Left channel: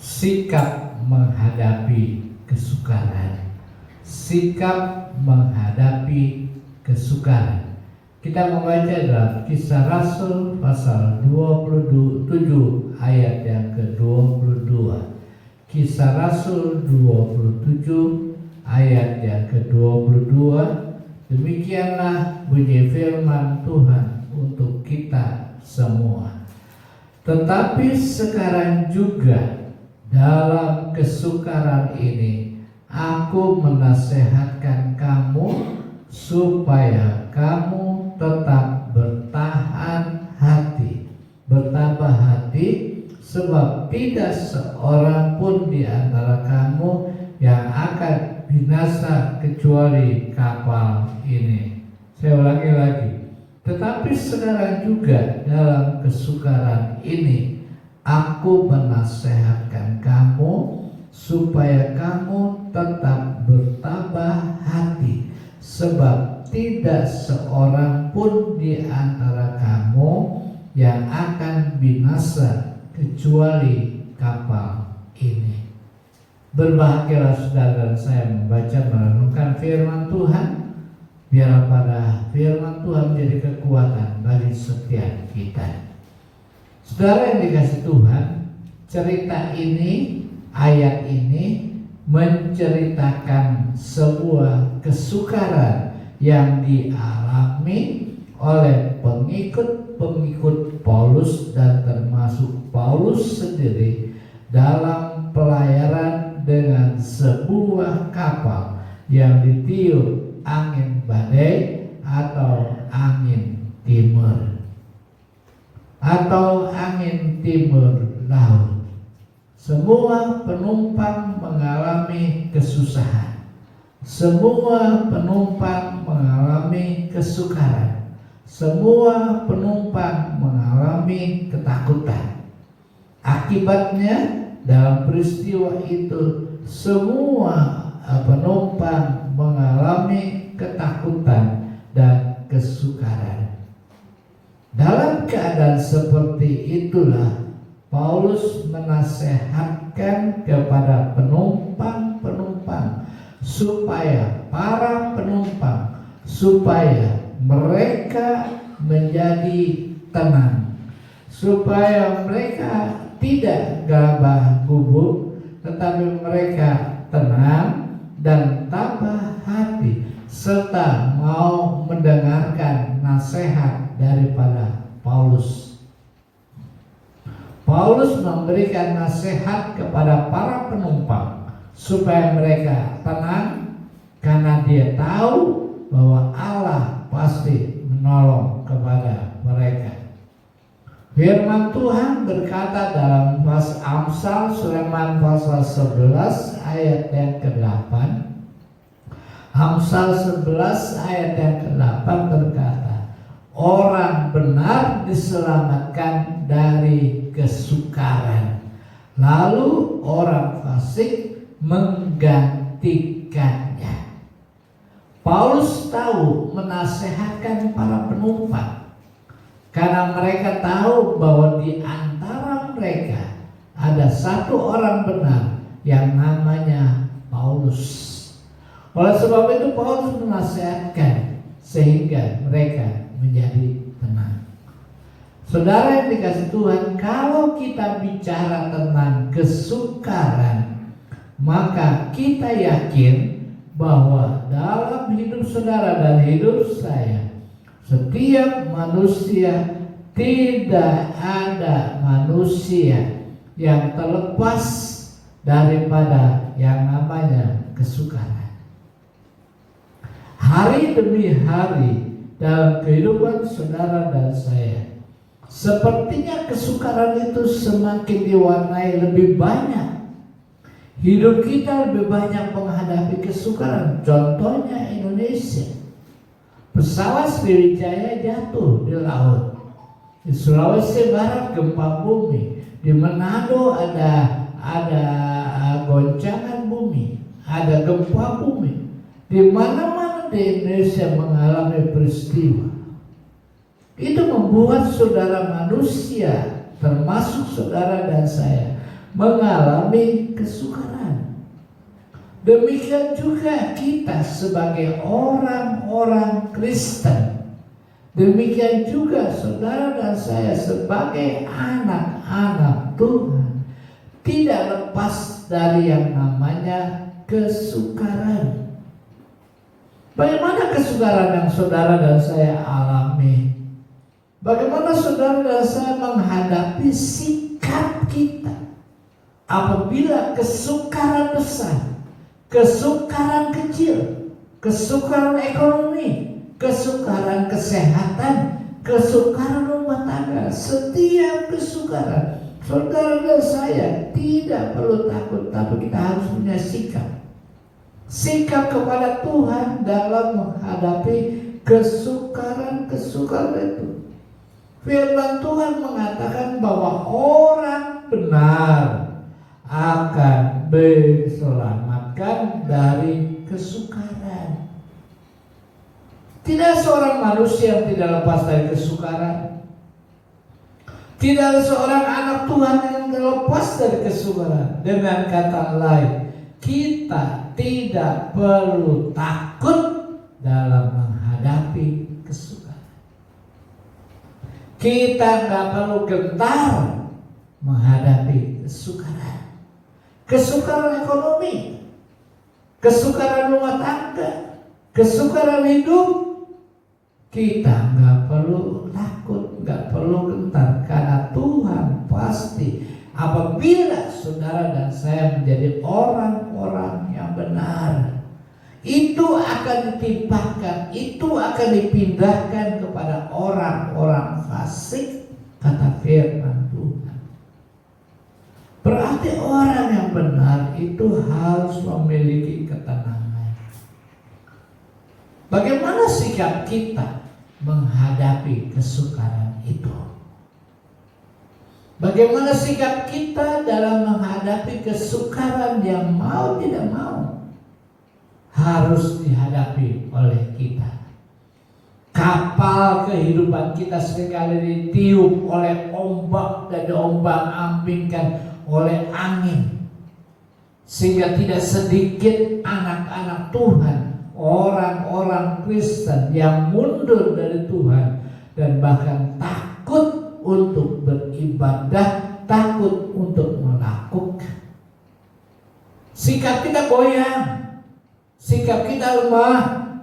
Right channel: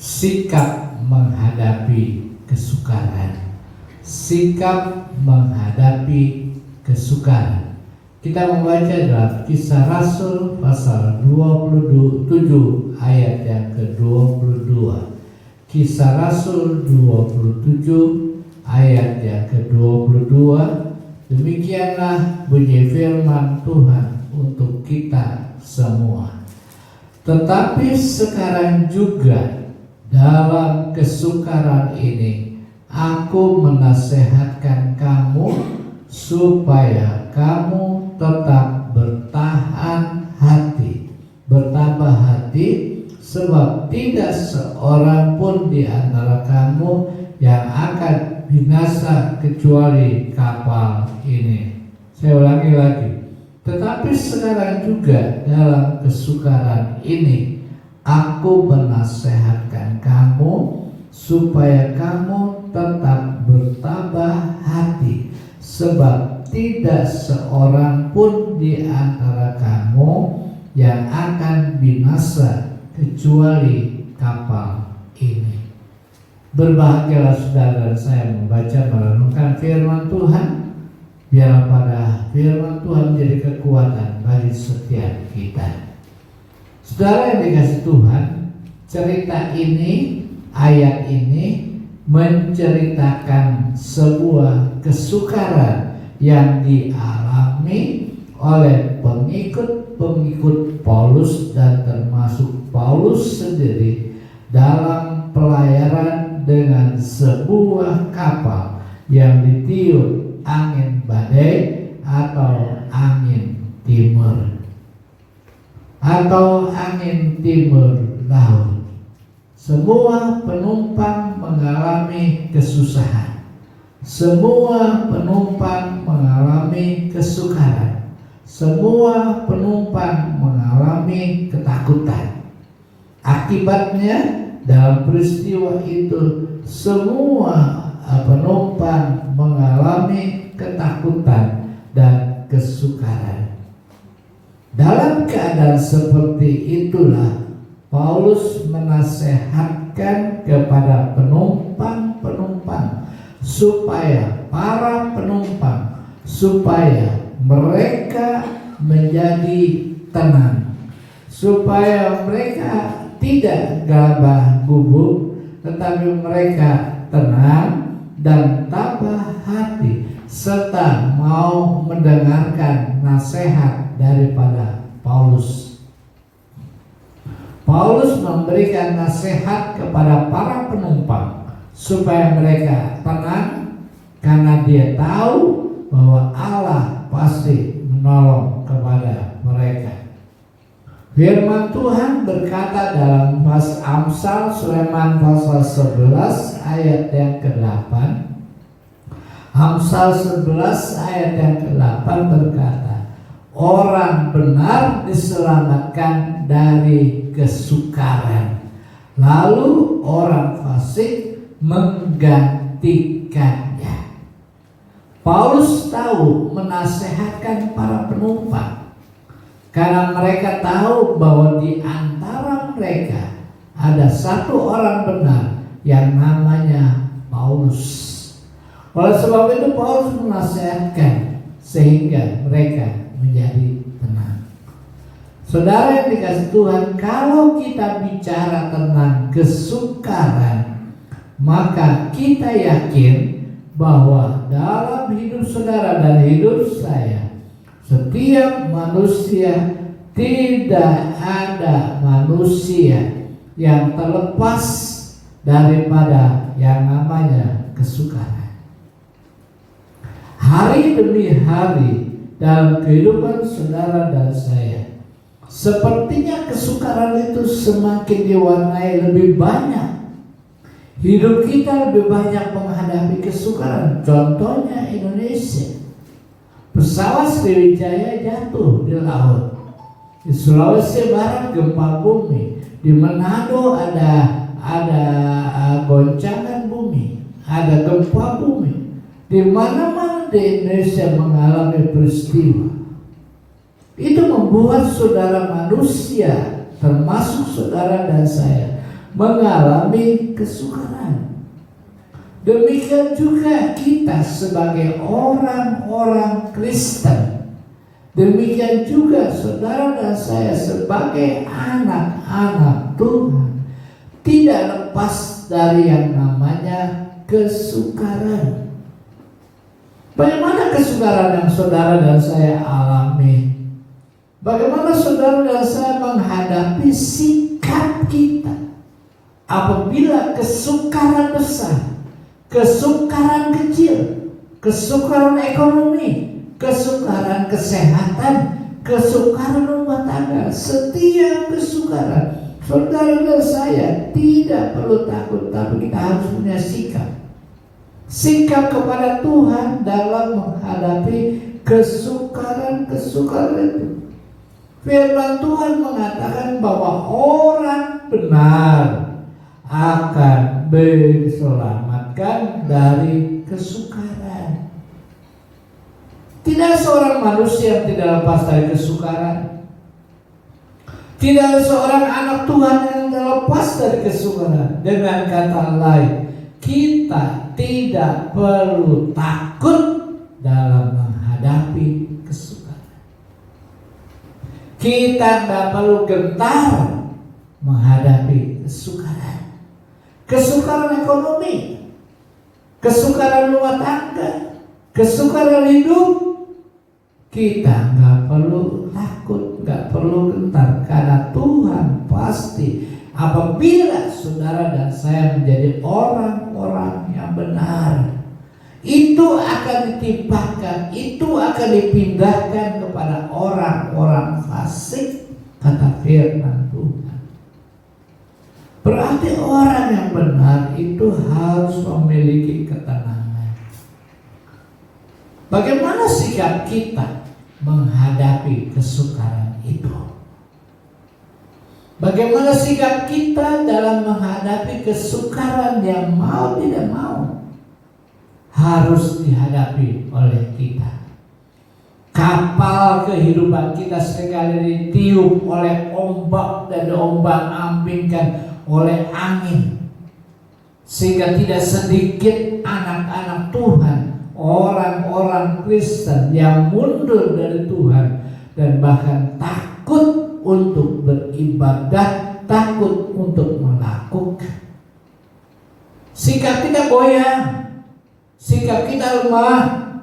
sikap menghadapi kesukaran. Sikap menghadapi kesukaran. Kita membaca dalam Kisah Rasul pasal 27 ayat yang ke-22. Kisah Rasul 27 ayat yang ke-22. Demikianlah bunyi firman Tuhan untuk kita semua. Tetapi sekarang juga dalam kesukaran ini aku menasehatkan kamu supaya kamu tetap bertahan hati, bertambah hati, sebab tidak seorang pun di antara kamu yang akan binasa kecuali kapal ini. Saya ulangi lagi. Tetapi sekarang juga dalam kesukaran ini aku menasehatkan kamu supaya kamu tetap bertambah hati, sebab tidak seorang pun di antara kamu yang akan binasa kecuali kapal ini. Berbahagialah saudara saya membaca merenungkan firman Tuhan, biar pada firman Tuhan menjadi kekuatan bagi setiap kita. Saudara yang dikasih Tuhan, cerita ini, ayat ini menceritakan sebuah kesukaran yang dialami oleh pengikut Paulus dan termasuk Paulus sendiri dalam pelayaran dengan sebuah kapal yang ditiup angin badai atau angin timur laut. Semua penumpang mengalami kesusahan. Semua penumpang mengalami kesukaran. Semua penumpang mengalami ketakutan. Akibatnya dalam peristiwa itu semua penumpang mengalami ketakutan dan kesukaran. Dalam keadaan seperti itulah Paulus menasehatkan kepada penumpang-penumpang supaya mereka menjadi tenang, supaya mereka tidak gagah gubuk, tetapi mereka tenang dan tambah hati serta mau mendengarkan nasihat daripada Paulus. Paulus memberikan nasihat kepada para penumpang supaya mereka tenang karena dia tahu bahwa Allah pasti menolong kepada mereka. Firman Tuhan berkata dalam Amsal Sulaiman pasal 11 ayat yang ke-8. Amsal 11 ayat yang ke-8 berkata, orang benar diselamatkan dari kesukaran, lalu orang fasik menggantikannya. Paulus tahu menasehatkan para penumpang karena mereka tahu bahwa di antara mereka ada satu orang benar yang namanya Paulus. Oleh sebab itu Paulus menasehatkan sehingga mereka menjadi tenang. Saudara yang dikasih Tuhan, kalau kita bicara tentang kesukaran, maka kita yakin bahwa dalam hidup saudara dan hidup saya, setiap manusia, tidak ada manusia yang terlepas daripada yang namanya kesukaran. Hari demi hari dalam kehidupan saudara dan saya, sepertinya kesukaran itu semakin diwarnai lebih banyak. Hidup kita lebih banyak menghadapi kesukaran. Contohnya Indonesia. Pesawat Sriwijaya jatuh di laut. Di Sulawesi Barat gempa bumi. Di Manado ada goncangan bumi, ada gempa bumi. Di mana-mana di Indonesia mengalami peristiwa. Itu membuat saudara manusia, termasuk saudara dan saya, mengalami kesukaran. Demikian juga kita sebagai orang-orang Kristen. Demikian juga saudara dan saya sebagai anak-anak Tuhan. Tidak lepas dari yang namanya kesukaran. Bagaimana kesukaran yang saudara dan saya alami? Bagaimana saudara dan saya menghadapi sikap kita apabila kesukaran besar, kesukaran kecil, kesukaran ekonomi, kesukaran kesehatan, kesukaran rumah tangga, setiap kesukaran, saudara dan saya tidak perlu takut, tapi kita harus punya sikap kepada Tuhan dalam menghadapi kesukaran-kesukaran itu. Firman Tuhan mengatakan bahwa orang benar akan diselamatkan dari kesukaran. Tidak seorang manusia yang tidak lepas dari kesukaran. Tidak ada seorang anak Tuhan yang terlepas dari kesukaran. Dengan kata lain, kita tidak perlu takut dalam menghadapi kesukaran. Kita tidak perlu gentar menghadapi kesukaran. Kesukaran ekonomi, kesukaran rumah tangga, kesukaran hidup, kita nggak perlu takut, nggak perlu gentar, karena Tuhan pasti apabila saudara dan saya menjadi orang-orang yang benar, itu akan ditimpakan, itu akan dipindahkan kepada orang-orang fasik, kata firman Tuhan. Berarti orang yang benar itu harus memiliki ketenangan. Bagaimana sikap kita menghadapi kesukaran itu? Bagaimana sikap kita dalam menghadapi kesukaran yang mau tidak mau harus dihadapi oleh kita? Kapal kehidupan kita sekali ditiup oleh ombak dan diombang-ambingkan oleh angin, sehingga tidak sedikit anak-anak Tuhan, orang-orang Kristen yang mundur dari Tuhan dan bahkan takut untuk beribadah, takut untuk melakukan. Sikap kita goyang, sikap kita lemah.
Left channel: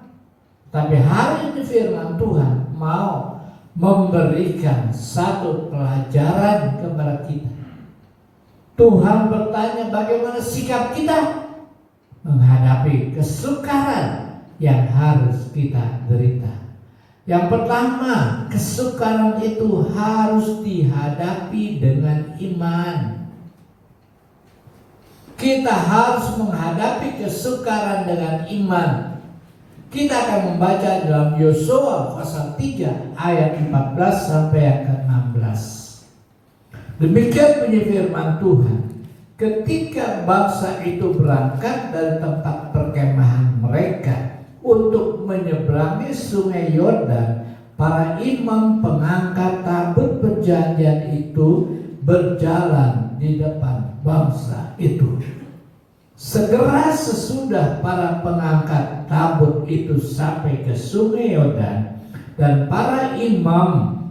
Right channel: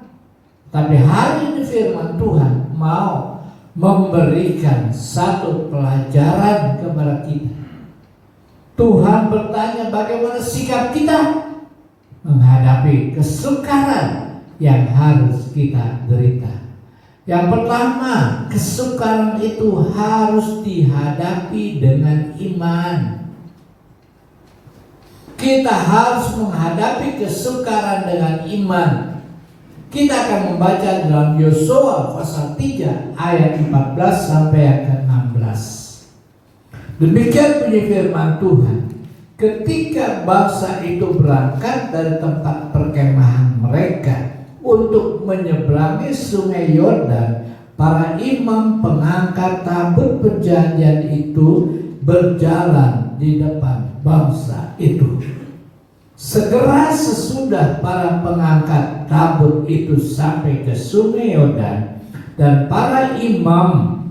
Tapi hari ini firman Tuhan mau memberikan satu pelajaran kepada kita. Tuhan bertanya bagaimana sikap kita menghadapi kesukaran yang harus kita derita. Yang pertama, kesukaran itu harus dihadapi dengan iman. Kita harus menghadapi kesukaran dengan iman. Kita akan membaca dalam Yosua pasal 3 ayat 14 sampai yang ke-16. Demikian bunyi firman Tuhan. Ketika bangsa itu berangkat dari tempat perkemahan mereka untuk menyeberangi sungai Yordan, para imam pengangkat tabut perjanjian itu berjalan di depan bangsa itu. Segera sesudah para pengangkat tabut itu sampai ke sungai Yordan, dan para imam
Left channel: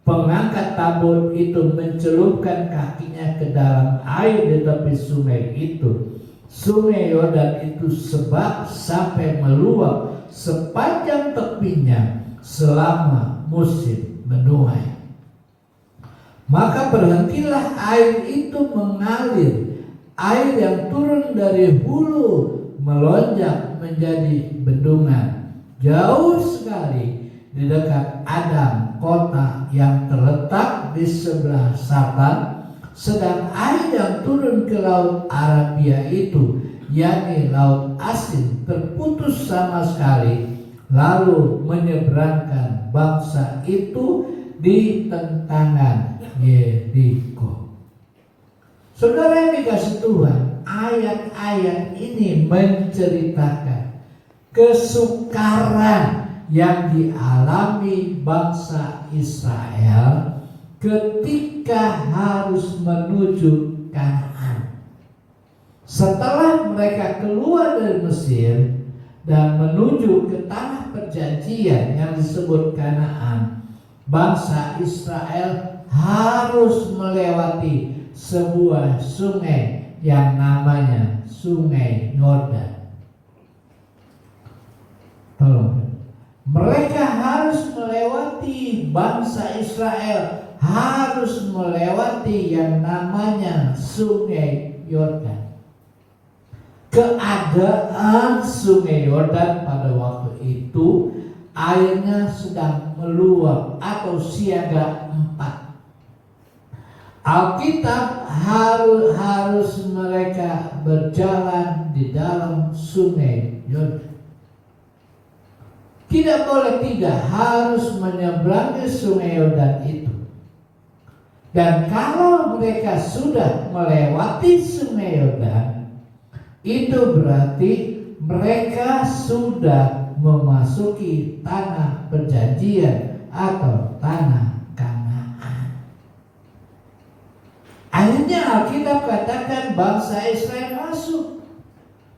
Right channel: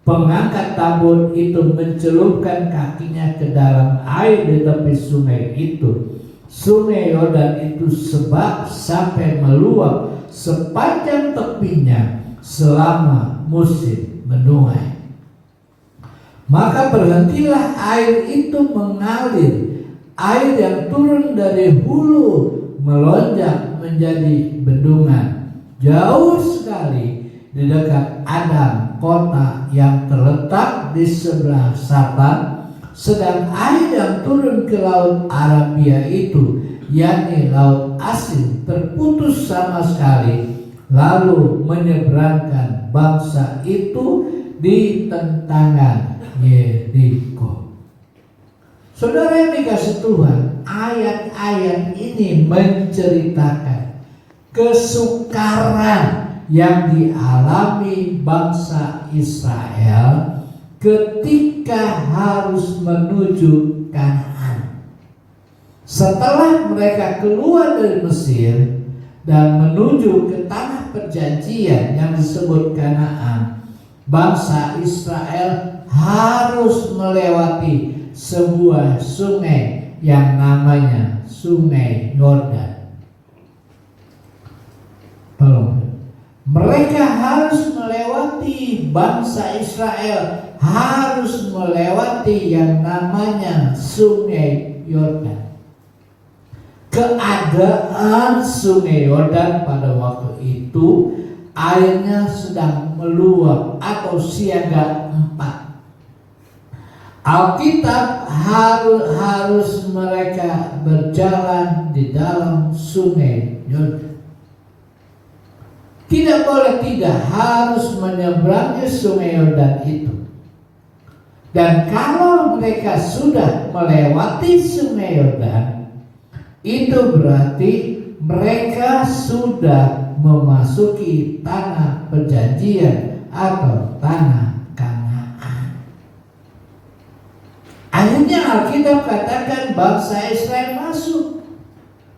pengangkat tabut itu mencelupkan kakinya ke dalam air di tepi sungai itu. Sungai Yordan itu sebab sampai meluap sepanjang tepinya selama musim menuai. Maka berhentilah air itu mengalir, air yang turun dari hulu melonjak menjadi bendungan jauh sekali di dekat Adam, kota yang terletak di sebelah selatan. Sedang air yang turun ke laut Arabia itu, yakni laut asin, terputus sama sekali, lalu menyeberangkan bangsa itu di tentangan Yeriko. Saudara yang dikasih Tuhan, ayat-ayat ini menceritakan kesukaran yang dialami bangsa Israel ketika harus menuju Kanaan. Setelah mereka keluar dari Mesir dan menuju ke tanah perjanjian yang disebut Kanaan, bangsa Israel harus melewati sebuah sungai yang namanya Sungai Yordan. Mereka harus melewati, bangsa Israel harus melewati yang namanya Sungai Yordan. Keadaan Sungai Yordan pada waktu itu airnya sedang meluap atau siaga 4. Alkitab harus mereka berjalan di dalam Sungai Yordan. Tidak boleh tidak, harus menyeberangi Sungai Yordan itu. Dan kalau mereka sudah melewati Sungai Yordan, itu berarti mereka sudah memasuki tanah perjanjian atau tanah Kanaan. Akhirnya Alkitab katakan bangsa Israel masuk.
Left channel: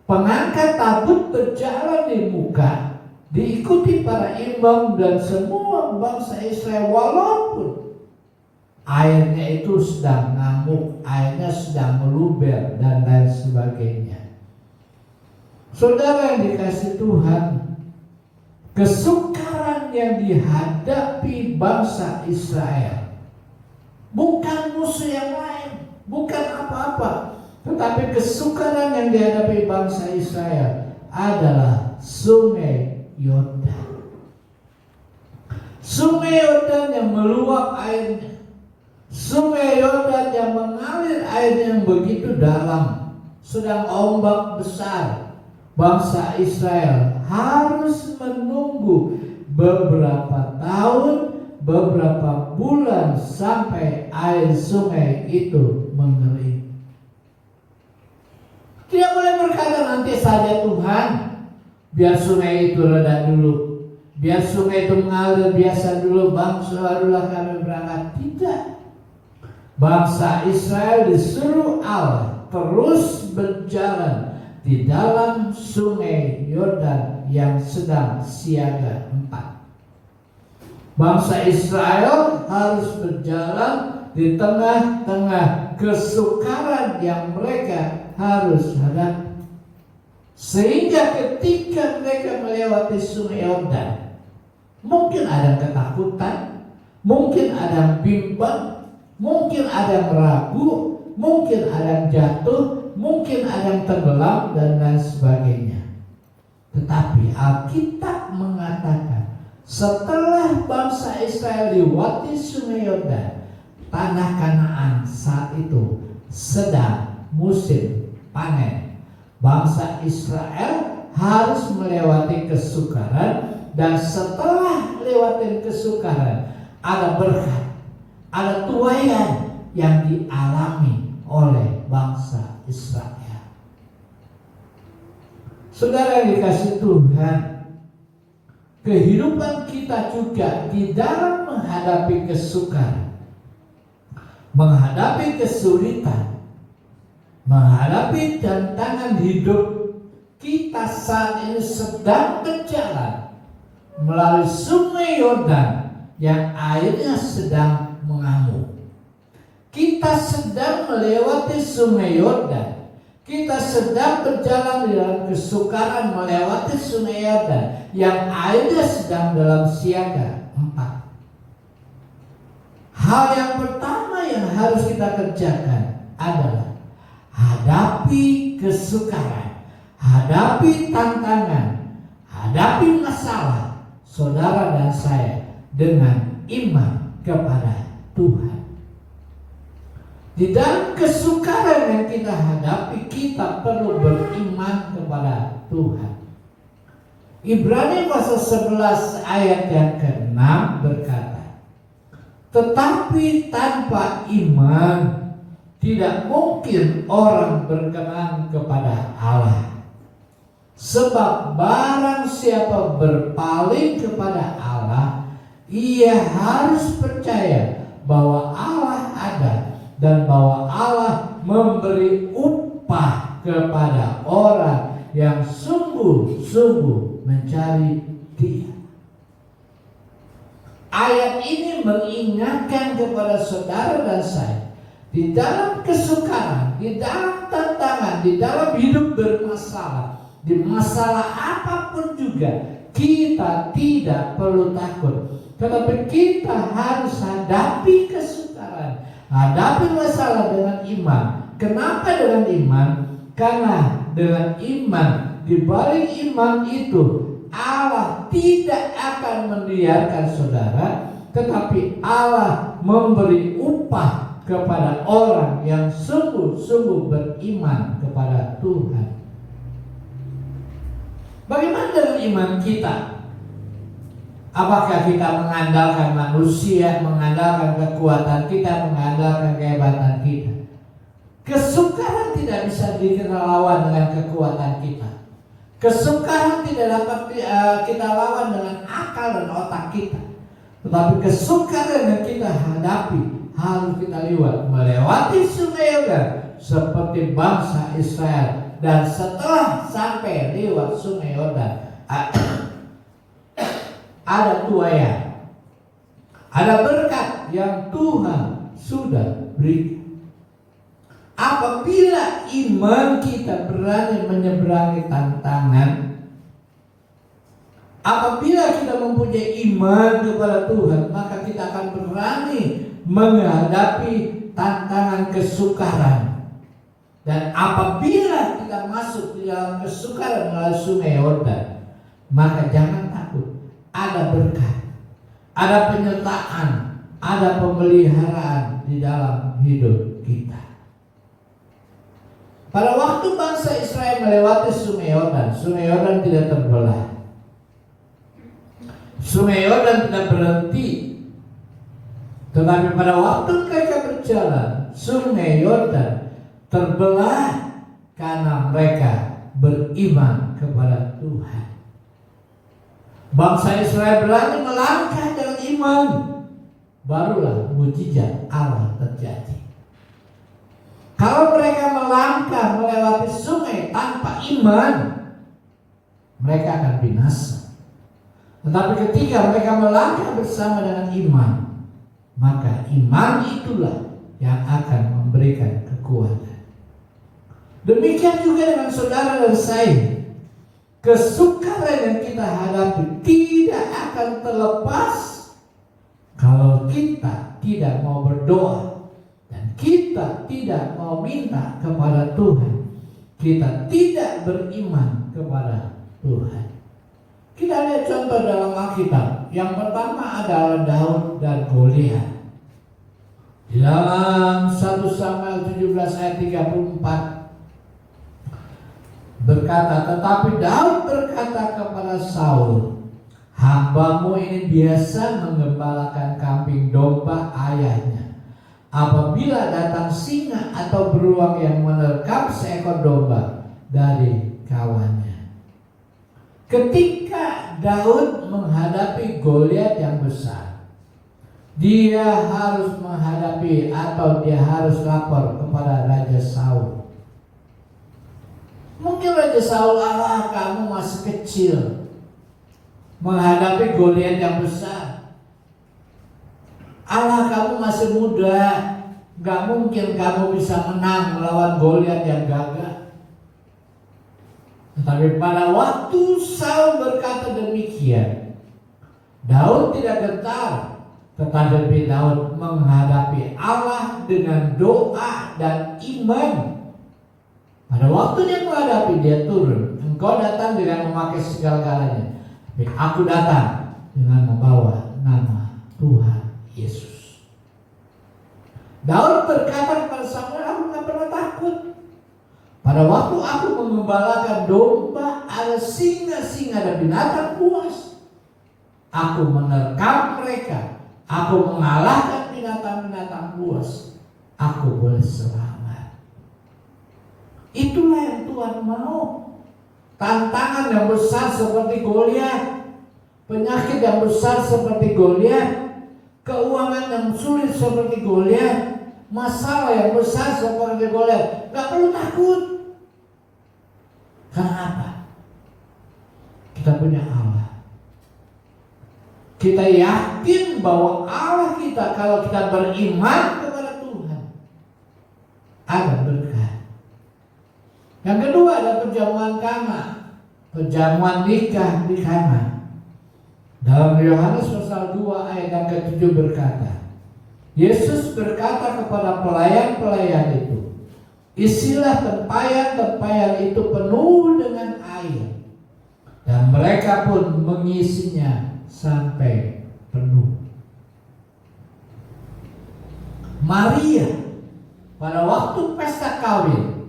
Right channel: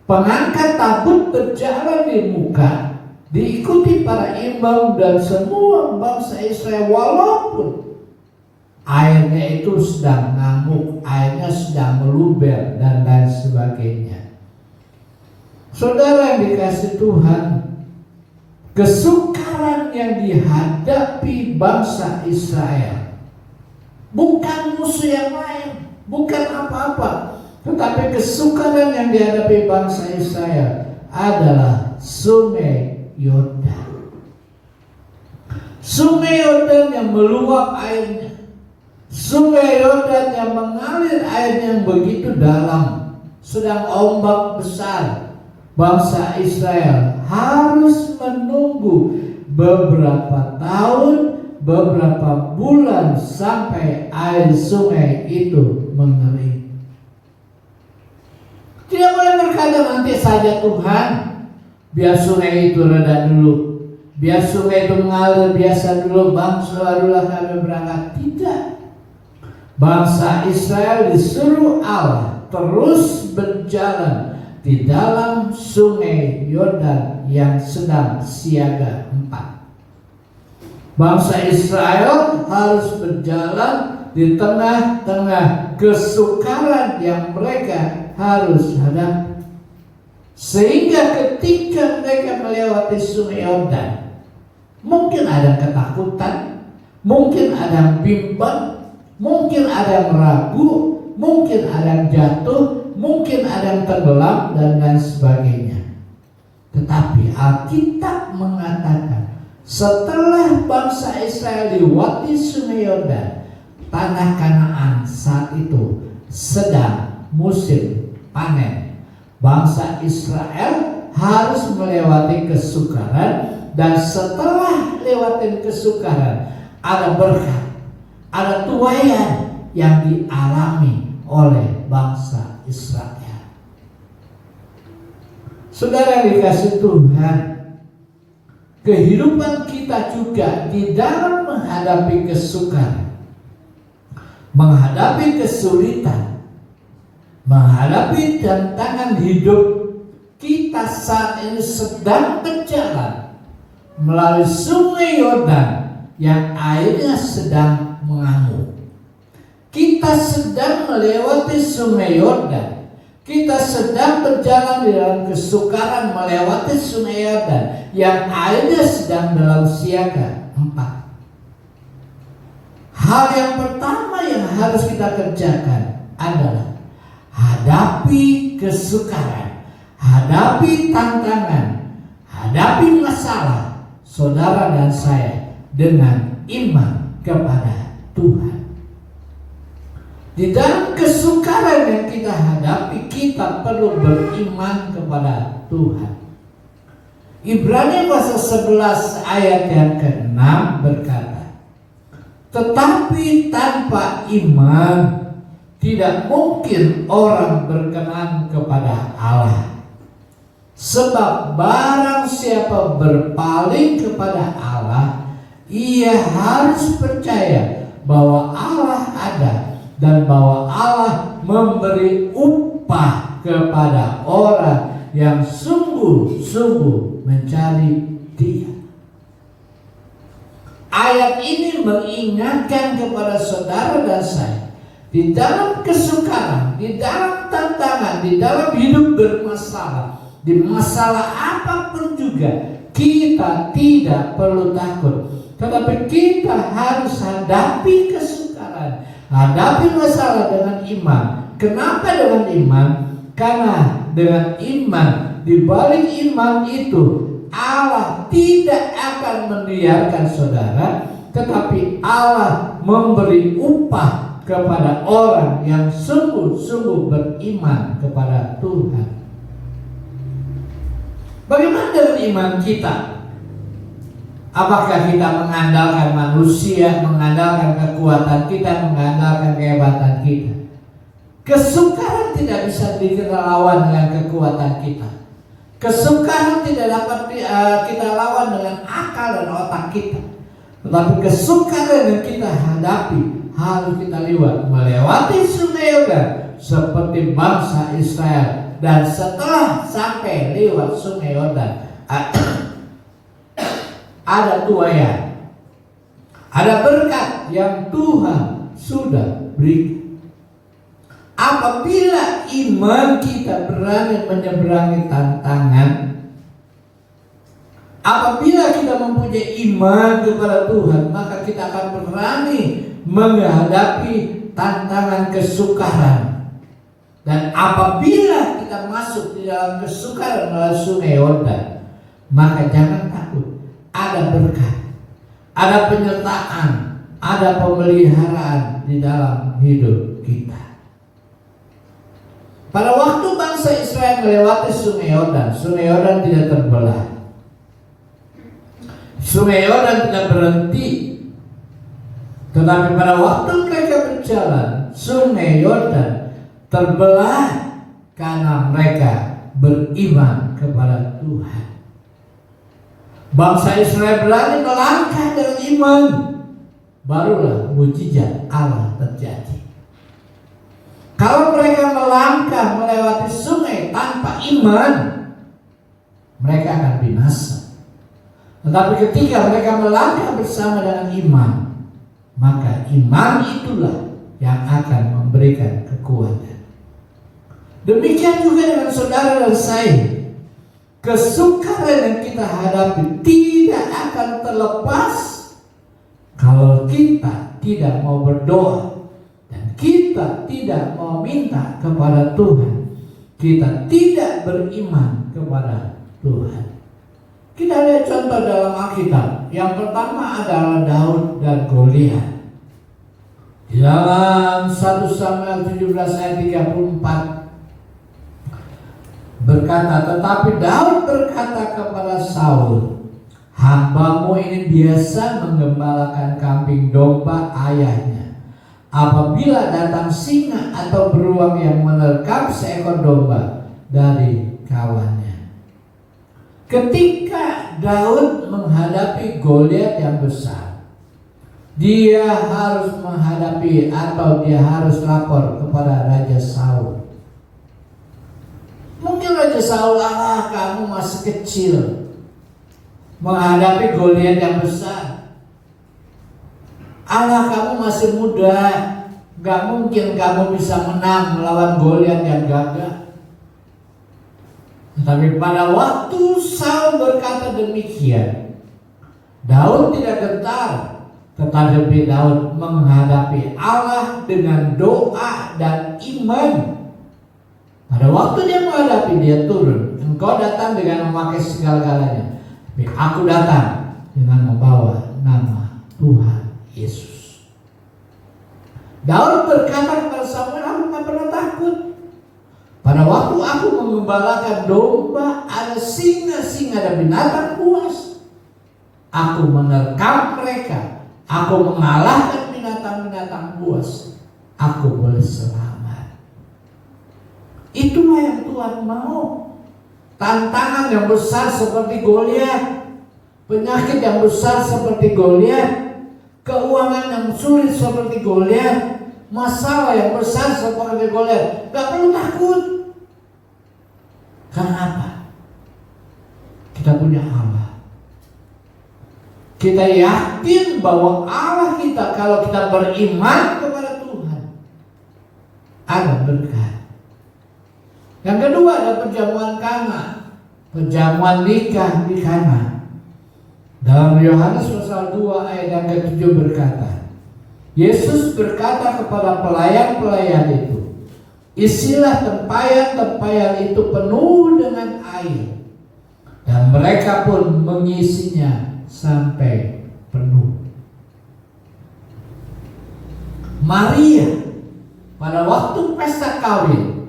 Pengangkat tabut berjalan di muka, diikuti para imam dan semua bangsa Israel, walaupun airnya itu sedang ngamuk, airnya sedang meluber dan lain sebagainya. Saudara yang dikasihi Tuhan, kesukaran yang dihadapi bangsa Israel bukan musuh yang lain, bukan apa-apa, tetapi kesukaran yang dihadapi bangsa Israel adalah Sungai Yordan. Sungai Yordan yang meluap airnya, Sungai Yordan yang mengalir airnya yang begitu dalam, sedang ombak besar. Bangsa Israel harus menunggu beberapa tahun, beberapa bulan sampai air sungai itu mengering. Tidak boleh berkata nanti saja Tuhan, biar sungai itu reda dulu, biar sungai itu mengalir biasa dulu, bangsa barulah kami berangkat. Tidak. Bangsa Israel disuruh Allah terus berjalan di dalam Sungai Yordan yang sedang siaga 4. Bangsa Israel harus berjalan di tengah-tengah kesukaran yang mereka harus hadapi. Sehingga ketika mereka melewati Sungai Yordan, mungkin ada ketakutan, mungkin ada bimbang, mungkin ada meragu, mungkin ada jatuh, mungkin ada yang tenggelam dan lain sebagainya. Tetapi Alkitab mengatakan setelah bangsa Israel lewati Sungai Yordan, tanah Kanaan saat itu sedang musim panen. Bangsa Israel harus melewati kesukaran, dan setelah lewati kesukaran ada berkat, ada tuaian yang dialami oleh bangsa Israel. Saudara yang dikasihi Tuhan, kehidupan kita juga di dalam menghadapi kesukaran, menghadapi kesulitan, menghadapi tantangan hidup, kita saat ini sedang berjalan melalui Sungai Yordan yang airnya sedang mengamuk. Kita sedang melewati Sungai Yordan. Kita sedang berjalan di dalam kesukaran melewati Sungai Yordan yang airnya sedang dalam siaga 4. Hal yang pertama yang harus kita kerjakan adalah hadapi kesukaran, hadapi tantangan, hadapi masalah saudara dan saya dengan iman kepada Tuhan. Di dalam kesukaran yang kita hadapi, kita perlu beriman kepada Tuhan. Ibrani pasal 11 ayat yang ke-6 berkata, tetapi tanpa iman tidak mungkin orang berkenan kepada Allah. Sebab barang siapa berpaling kepada Allah, ia harus percaya bahwa Allah ada dan bahwa Allah memberi upah kepada orang yang sungguh-sungguh mencari Dia. Ayat ini mengingatkan kepada saudara dan saya, di dalam kesukaran, di dalam tantangan, di dalam hidup bermasalah, di masalah apapun juga, kita tidak perlu takut. Tetapi kita harus hadapi kesukaran, hadapi masalah dengan iman. Kenapa dengan iman? Karena dengan iman, di balik iman itu Allah tidak akan membiarkan saudara, tetapi Allah memberi upah kepada orang yang sungguh-sungguh beriman kepada Tuhan. Bagaimana dengan iman kita? Apakah kita mengandalkan manusia, mengandalkan kekuatan kita, mengandalkan kehebatan kita? Kesukaran tidak bisa dilawan dengan kekuatan kita. Kesukaran tidak dapat kita lawan dengan akal dan otak kita. Tetapi kesukaran yang kita hadapi harus kita melewati sungai Yordan seperti bangsa Israel. Dan setelah sampai lewat sungai Yordan, ada tuaian, ada berkat yang Tuhan sudah berikan. Apabila iman kita berani menyeberangi tantangan, apabila kita mempunyai iman kepada Tuhan, maka kita akan berani menghadapi tantangan kesukaran. Dan apabila kita masuk di dalam kesukaran melalui sungai Yordan, maka jangan takut. Ada berkat, ada penyertaan, ada pemeliharaan di dalam hidup kita. Pada waktu bangsa Israel melewati sungai Yordan tidak terbelah. Sungai Yordan tidak berhenti. Tetapi pada waktu mereka berjalan, sungai Yordan terbelah karena mereka beriman kepada Tuhan. Bangsa Israel berani melangkah dengan iman, barulah mujizat Allah terjadi. Kalau mereka melangkah melewati sungai tanpa iman, mereka akan binasa. Tetapi ketika mereka melangkah bersama dengan iman, maka iman itulah yang akan memberikan kekuatan. Demikian juga dengan saudara dan saya. Kesukaran yang kita hadapi tidak akan terlepas kalau kita tidak mau berdoa dan kita tidak mau minta kepada Tuhan. Kita tidak beriman kepada Tuhan. Kita lihat contoh dalam Alkitab. Yang pertama adalah Daud dan Goliat. Di dalam 1 Samuel 17 ayat 34 berkata, tetapi Daud berkata kepada Saul, hambamu ini biasa menggembalakan kambing domba ayahnya. Apabila datang singa atau beruang yang menerkam seekor domba dari kawannya. Ketika Daud menghadapi Goliat yang besar, dia harus menghadapi atau dia harus lapor kepada Raja Saul. Mungkin Raja Saul, kamu masih kecil menghadapi Goliat yang besar. Kamu masih muda, gak mungkin kamu bisa menang melawan Goliat yang gagah. Tetapi pada waktu Saul berkata demikian, Daud tidak gentar, tetapi Daud menghadapi Allah dengan doa dan iman. Pada waktu dia menghadapi, dia turun. Engkau datang dengan memakai segala-galanya, tapi aku datang dengan membawa nama Tuhan Yesus. Daud berkata kepada Samuel, aku tak pernah takut. Pada waktu aku mengembalakan domba, ada singa-singa dan binatang buas. Aku menerkam mereka. Aku mengalahkan binatang-binatang buas. Aku boleh selamat. Itulah yang Tuhan mau. Tantangan yang besar seperti Goliat, penyakit yang besar seperti Goliat, keuangan yang sulit seperti Goliat, masalah yang besar seperti Goliat, gak perlu takut. Karena apa? Kita punya Allah. Kita yakin bahwa Allah kita, kalau kita beriman kepada Tuhan, ada berkat. Yang kedua ada perjamuan Kana, perjamuan nikah di Kana. Dalam Yohanes pasal 2 ayat yang ke-7 berkata, Yesus berkata kepada pelayan-pelayan itu, isilah tempayan-tempayan itu penuh dengan air. Dan mereka pun mengisinya sampai penuh. Maria pada waktu pesta kawin,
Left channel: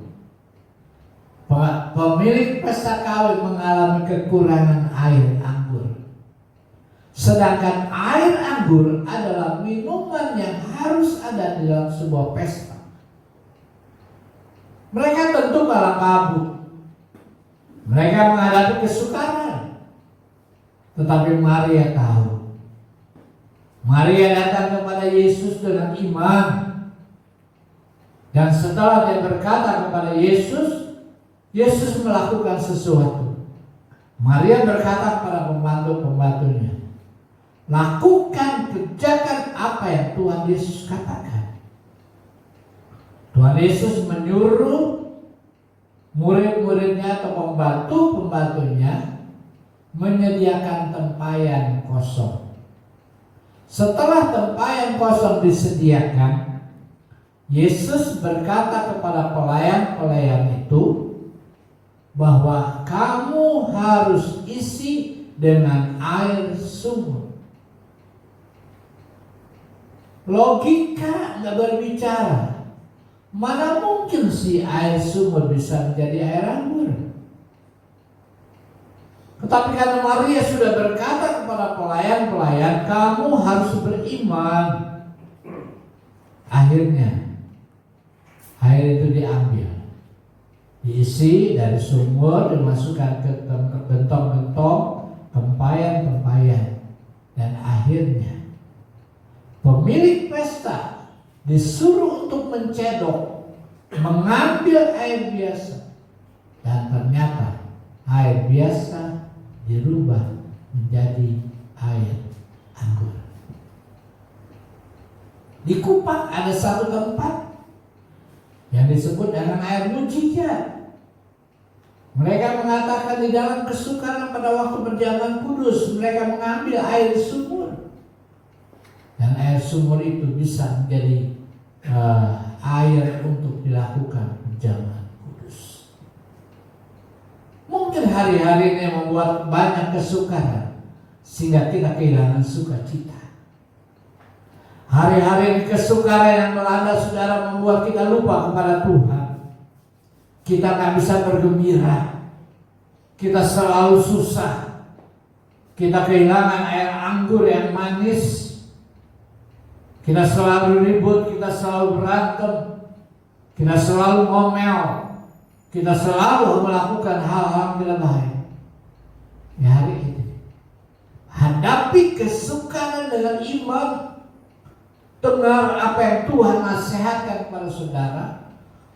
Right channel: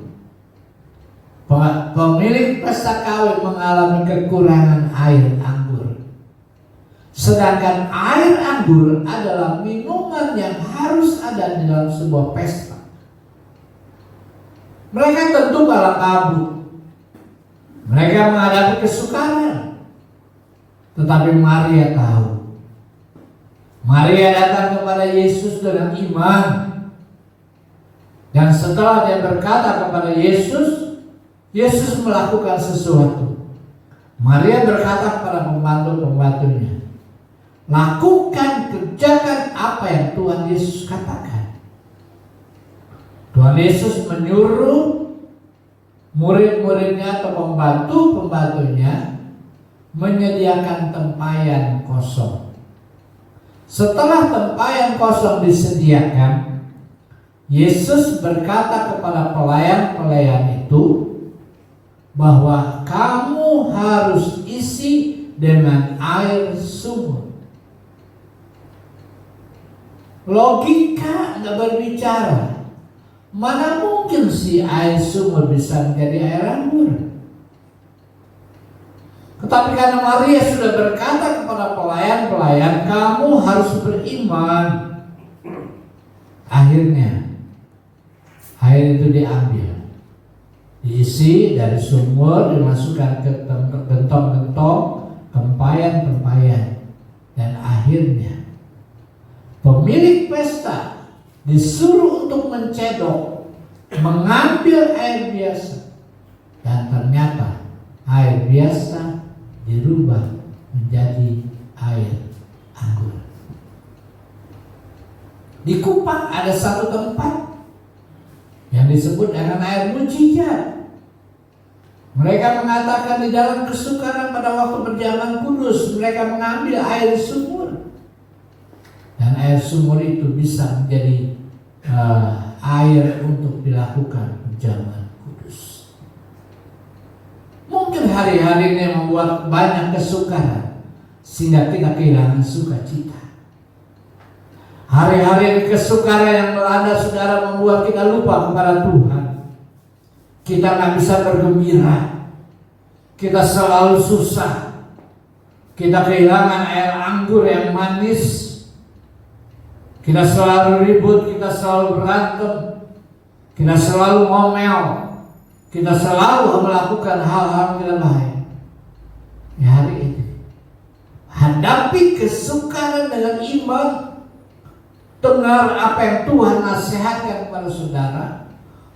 pemilik pesta kawin mengalami kekurangan air anggur. Sedangkan air anggur adalah minuman yang harus ada di dalam sebuah pesta. Mereka tentu kalah kabut. Mereka menghadapi kesukaran. Tetapi Maria tahu. Maria datang kepada Yesus dengan iman. Dan setelah dia berkata kepada Yesus, Yesus melakukan sesuatu. Maria berkata kepada pembantu-pembantunya, lakukan, kerjakan apa yang Tuhan Yesus katakan. Tuhan Yesus menyuruh murid-muridnya atau pembantu-pembantunya menyediakan tempayan kosong. Setelah tempayan kosong disediakan, Yesus berkata kepada pelayan-pelayan itu bahwa kamu harus isi dengan air sumur. Logika nggak berbicara. Mana mungkin si air sumur bisa menjadi air anggur? Tetapi karena Maria sudah berkata kepada pelayan-pelayan, kamu harus beriman. Akhirnya air itu diambil, diisi dari sumur, dimasukkan ke gentong-gentong, tempayan-tempayan, dan akhirnya pemilik pesta disuruh untuk mencedok, mengambil air biasa, dan ternyata air biasa dirubah menjadi air anggur. Di Kupang ada satu tempat yang disebut dengan air mujizat. Mereka mengatakan di dalam kesukaran pada waktu perjamuan kudus, mereka mengambil air sumur. Dan air sumur itu bisa menjadi air untuk dilakukan perjamuan kudus. Mungkin hari-hari ini membuat banyak kesukaran sehingga kita kehilangan sukacita. Hari-hari kesukaran yang melanda saudara membuat kita lupa kepada Tuhan. Kita nggak bisa bergembira. Kita selalu susah. Kita kehilangan air anggur yang manis. Kita selalu ribut, kita selalu berantem, kita selalu ngomel, kita selalu melakukan hal-hal tidak baik. Ya, hari ini hadapi kesukaran dengan iman. Dengar apa yang Tuhan nasihatkan kepada saudara,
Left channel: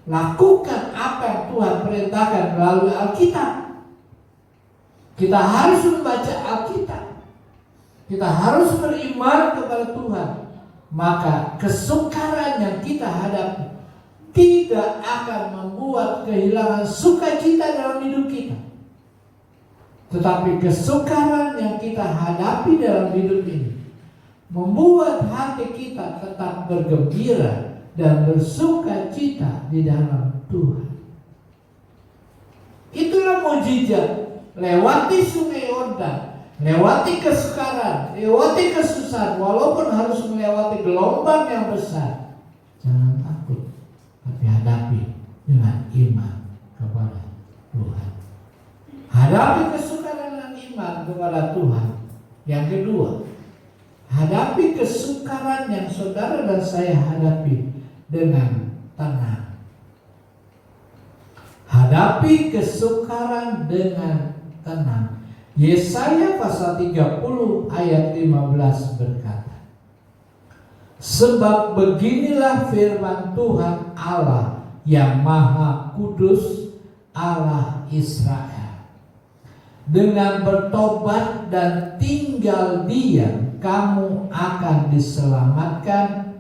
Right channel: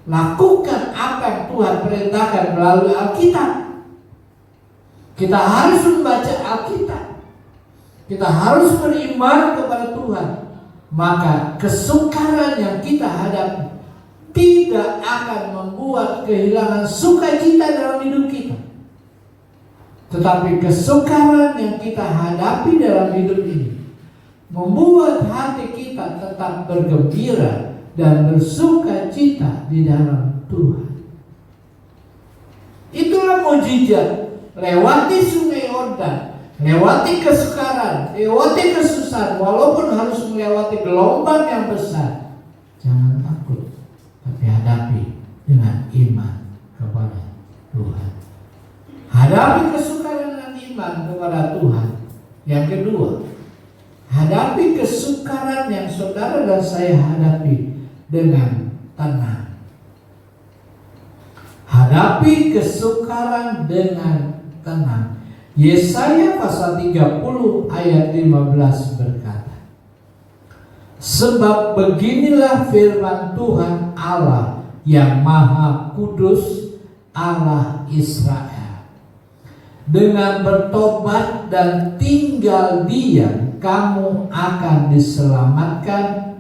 lakukan apa yang Tuhan perintahkan melalui Alkitab. Kita harus membaca Alkitab. Kita harus beriman kepada Tuhan. Maka kesukaran yang kita hadapi tidak akan membuat kehilangan sukacita dalam hidup kita. Tetapi kesukaran yang kita hadapi dalam hidup ini membuat hati kita tetap bergembira dan bersukacita di dalam Tuhan. Itulah mujizat. Lewati sungai Yordan, lewati kesukaran, lewati kesusahan, walaupun harus melewati gelombang yang besar, jangan takut, tapi hadapi dengan iman kepada Tuhan. Hadapi kesukaran dengan iman kepada Tuhan. Yang kedua, hadapi kesukaran yang saudara dan saya hadapi dengan tenang. Hadapi kesukaran dengan tenang. Yesaya pasal 30 ayat 15 berkata, Sebab beginilah firman Tuhan Allah yang Maha Kudus, Allah Israel. Dengan bertobat dan tinggal diam, kamu akan diselamatkan.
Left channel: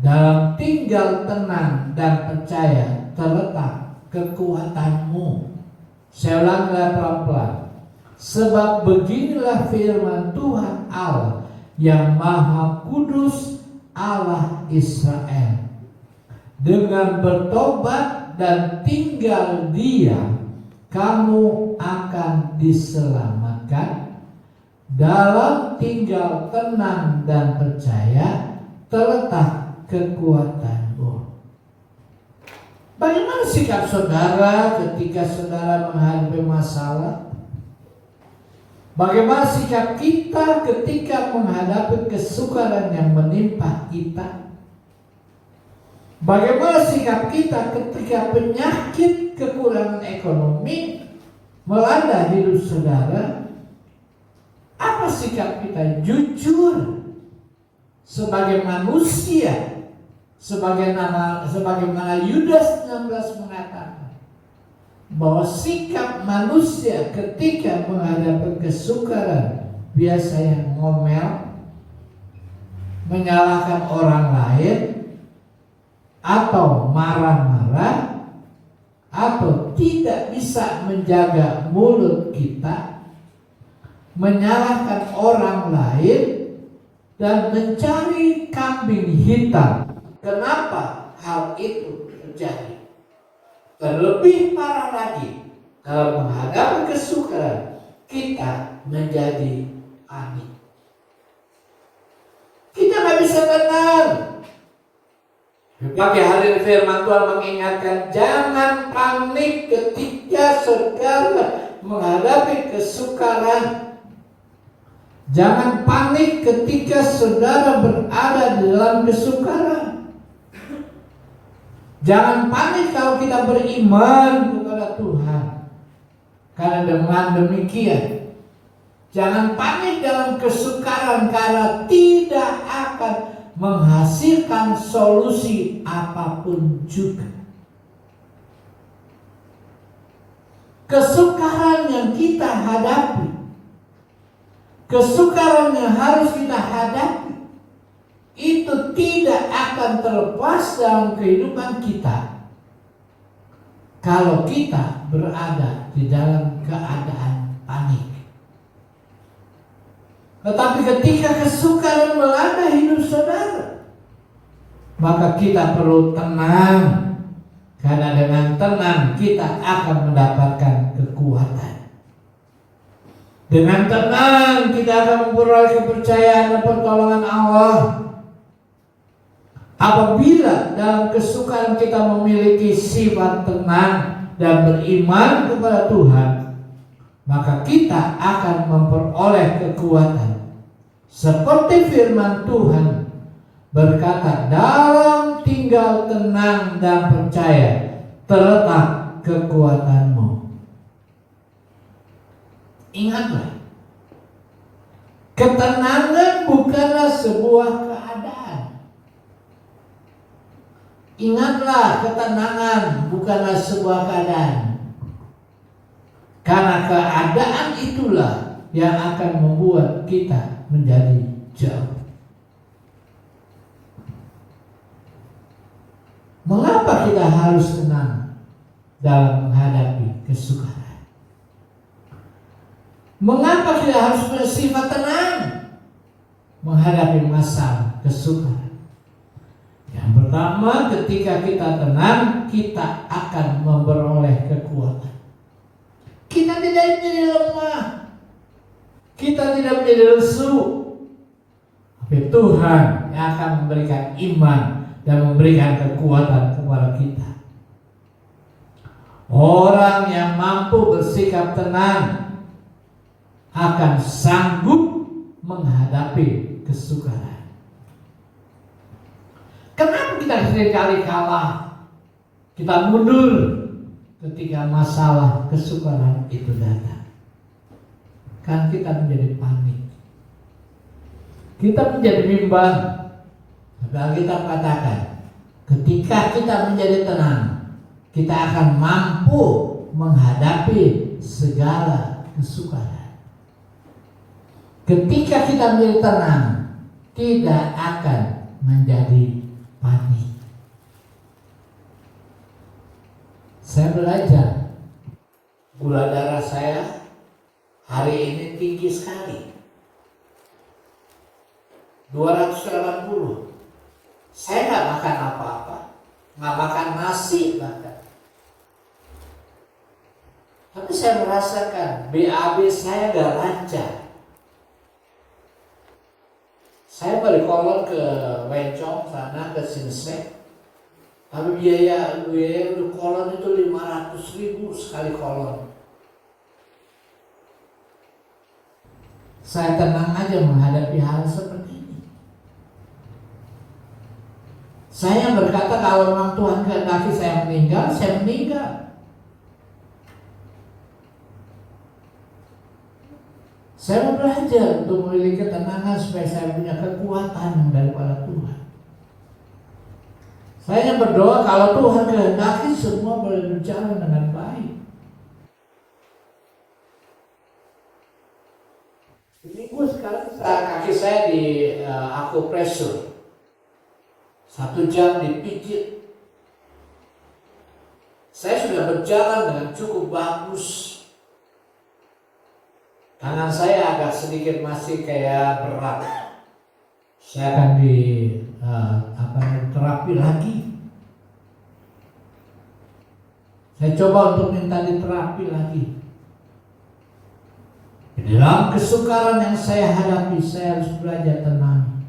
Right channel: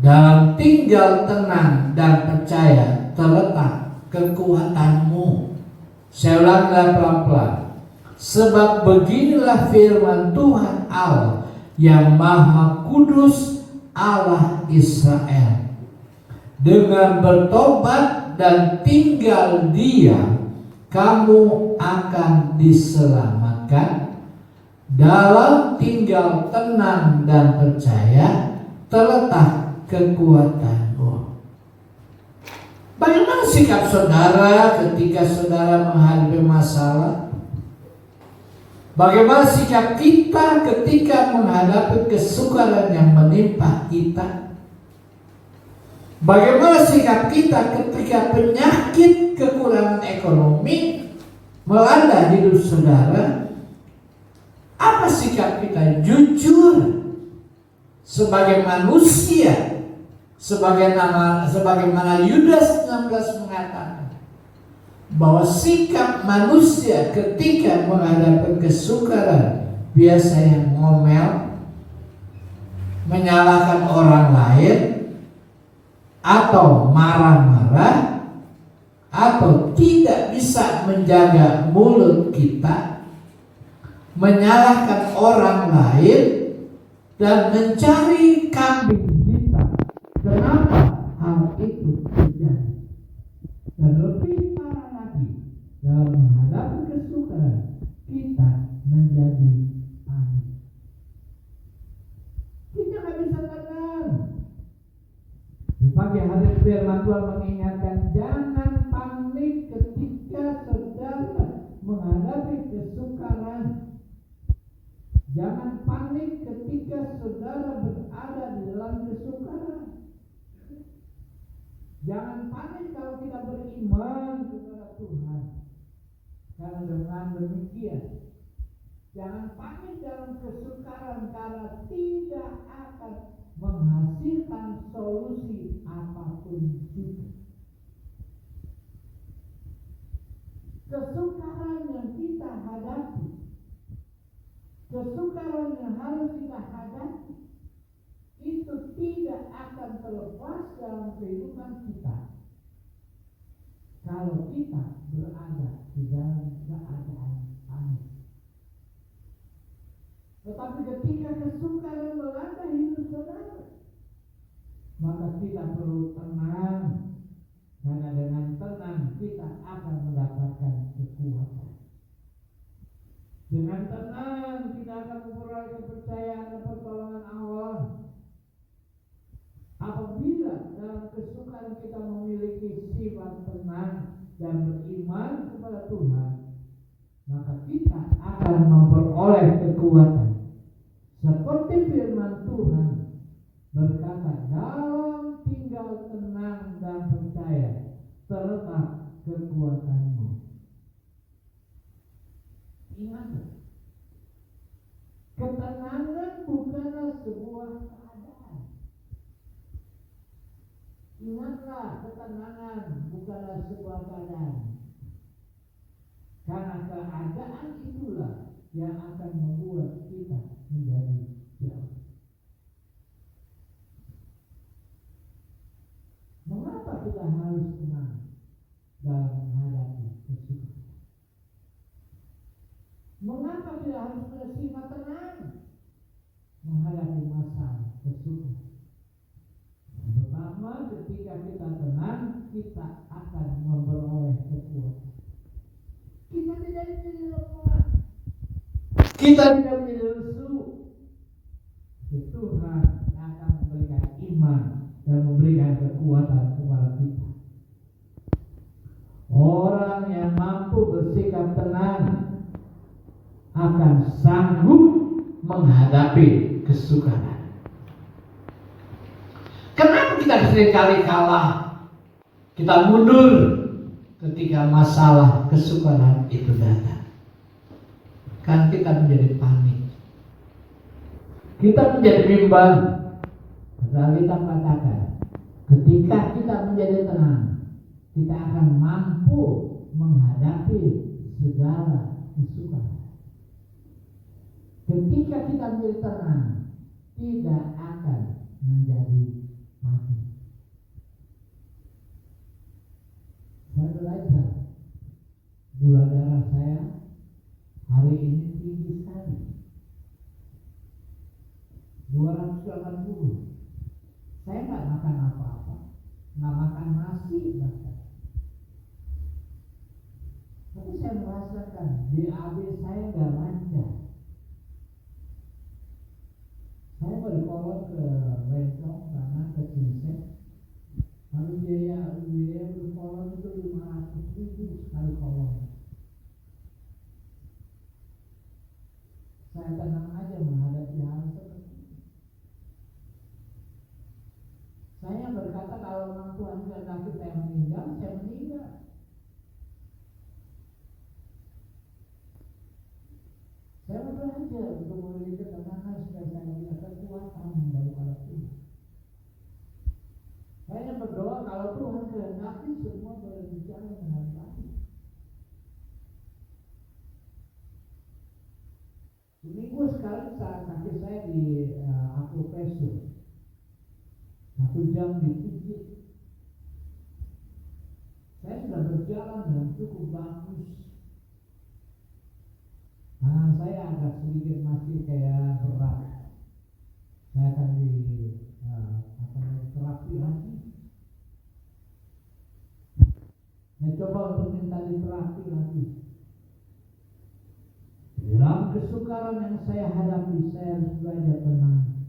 Dalam tinggal tenang dan percaya terletak kekuatanmu. Saya ulangi pelan-pelan. Sebab beginilah firman Tuhan Allah yang Maha Kudus, Allah Israel. Dengan bertobat dan tinggal diam, kamu akan diselamatkan. Dalam tinggal tenang dan percaya terletak kekuatanmu. Bagaimana sikap saudara ketika saudara menghadapi masalah? Bagaimana sikap kita ketika menghadapi kesukaran yang menimpa kita? Bagaimana sikap kita ketika penyakit kekurangan ekonomi melanda hidup saudara? Apa sikap kita? Jujur sebagai manusia, sebagaimana Yudas 16 mengatakan bahwa sikap manusia ketika menghadapi kesukaran biasanya ngomel, menyalahkan orang lain, atau marah-marah, atau tidak bisa menjaga mulut kita, menyalahkan orang lain, dan mencari kambing hitam. Kenapa hal itu terjadi? Dan lebih parah lagi, dalam menghadapi kesukaran, kita menjadi panik. Kita gak bisa tenang. Pagi hari firman Tuhan mengingatkan, jangan panik ketika saudara menghadapi kesukaran. Jangan panik ketika saudara berada di dalam kesukaran. Jangan panik kalau kita beriman kepada Tuhan. Karena dengan demikian, jangan panik dalam kesukaran karena tidak akan menghasilkan solusi apapun juga. Kesukaran yang kita hadapi, kesukaran yang harus kita hadapi, itu tidak akan terlepas dalam kehidupan kita kalau kita berada di dalam keadaan panik. Tetapi ketika kesukaran melanda hidup saudara, maka kita perlu tenang, karena dengan tenang kita akan mendapatkan kekuatan. Dengan tenang kita akan memperoleh kepercayaan dan pertolongan Allah. Apabila dalam kesukaran kita memiliki sifat tenang dan beriman kepada Tuhan, maka kita akan memperoleh kekuatan. Seperti firman Tuhan berkata, dalam tinggal tenang dan percaya terletak kekuatanmu. Ingatlah, ketenangan bukanlah sebuah keadaan. Ingatlah, ketenangan bukanlah sebuah keadaan. Karena keadaan itulah yang akan membuat kita menjadi jauh. Mengapa kita harus tenang dalam menghadapi kesukaran? Mengapa kita harus bersifat tenang menghadapi masalah kesukaran? Yang pertama, ketika kita tenang, kita akan memperoleh kekuatan. Kita tidak menjadi lemah, kita tidak menjadi lesu. Tapi Tuhan yang akan memberikan iman dan memberikan kekuatan kepada kita. Orang yang mampu bersikap tenang akan sanggup menghadapi kesukaran. Kenapa kita seringkali kalah? Kita mundur ketika masalah kesukaran itu datang. Kan kita menjadi panik. Kita menjadi bimbang. Tapi Alkitab katakan, ketika kita menjadi tenang, kita akan mampu menghadapi segala kesukaran. Ketika kita menjadi tenang, tidak akan menjadi panik. Saya belajar, gula darah saya hari ini tinggi sekali, 280. Saya nggak makan apa-apa, nggak makan nasi bahkan. Tapi saya merasakan BAB saya nggak lancar. Saya balik kolon ke Wencong sana, ke Sinsek. Tapi biaya kolon itu 500.000 sekali kolon. Saya tenang aja menghadapi hal seperti ini. Saya berkata kalau memang Tuhan kehendaki saya meninggal, saya meninggal. Saya mau belajar untuk memiliki ketenangan supaya saya punya kekuatan yang daripada Tuhan. Saya berdoa kalau Tuhan kehendaki semua boleh berjalan dengan baik. Minggu sekarang kaki saya di akupresur, 1 jam dipijit. Saya sudah berjalan dengan cukup bagus. Tangan saya agak sedikit masih kayak berat. Saya akan terapi lagi. Saya coba untuk minta diterapi lagi. Dalam kesukaran yang saya hadapi, saya harus belajar tenang.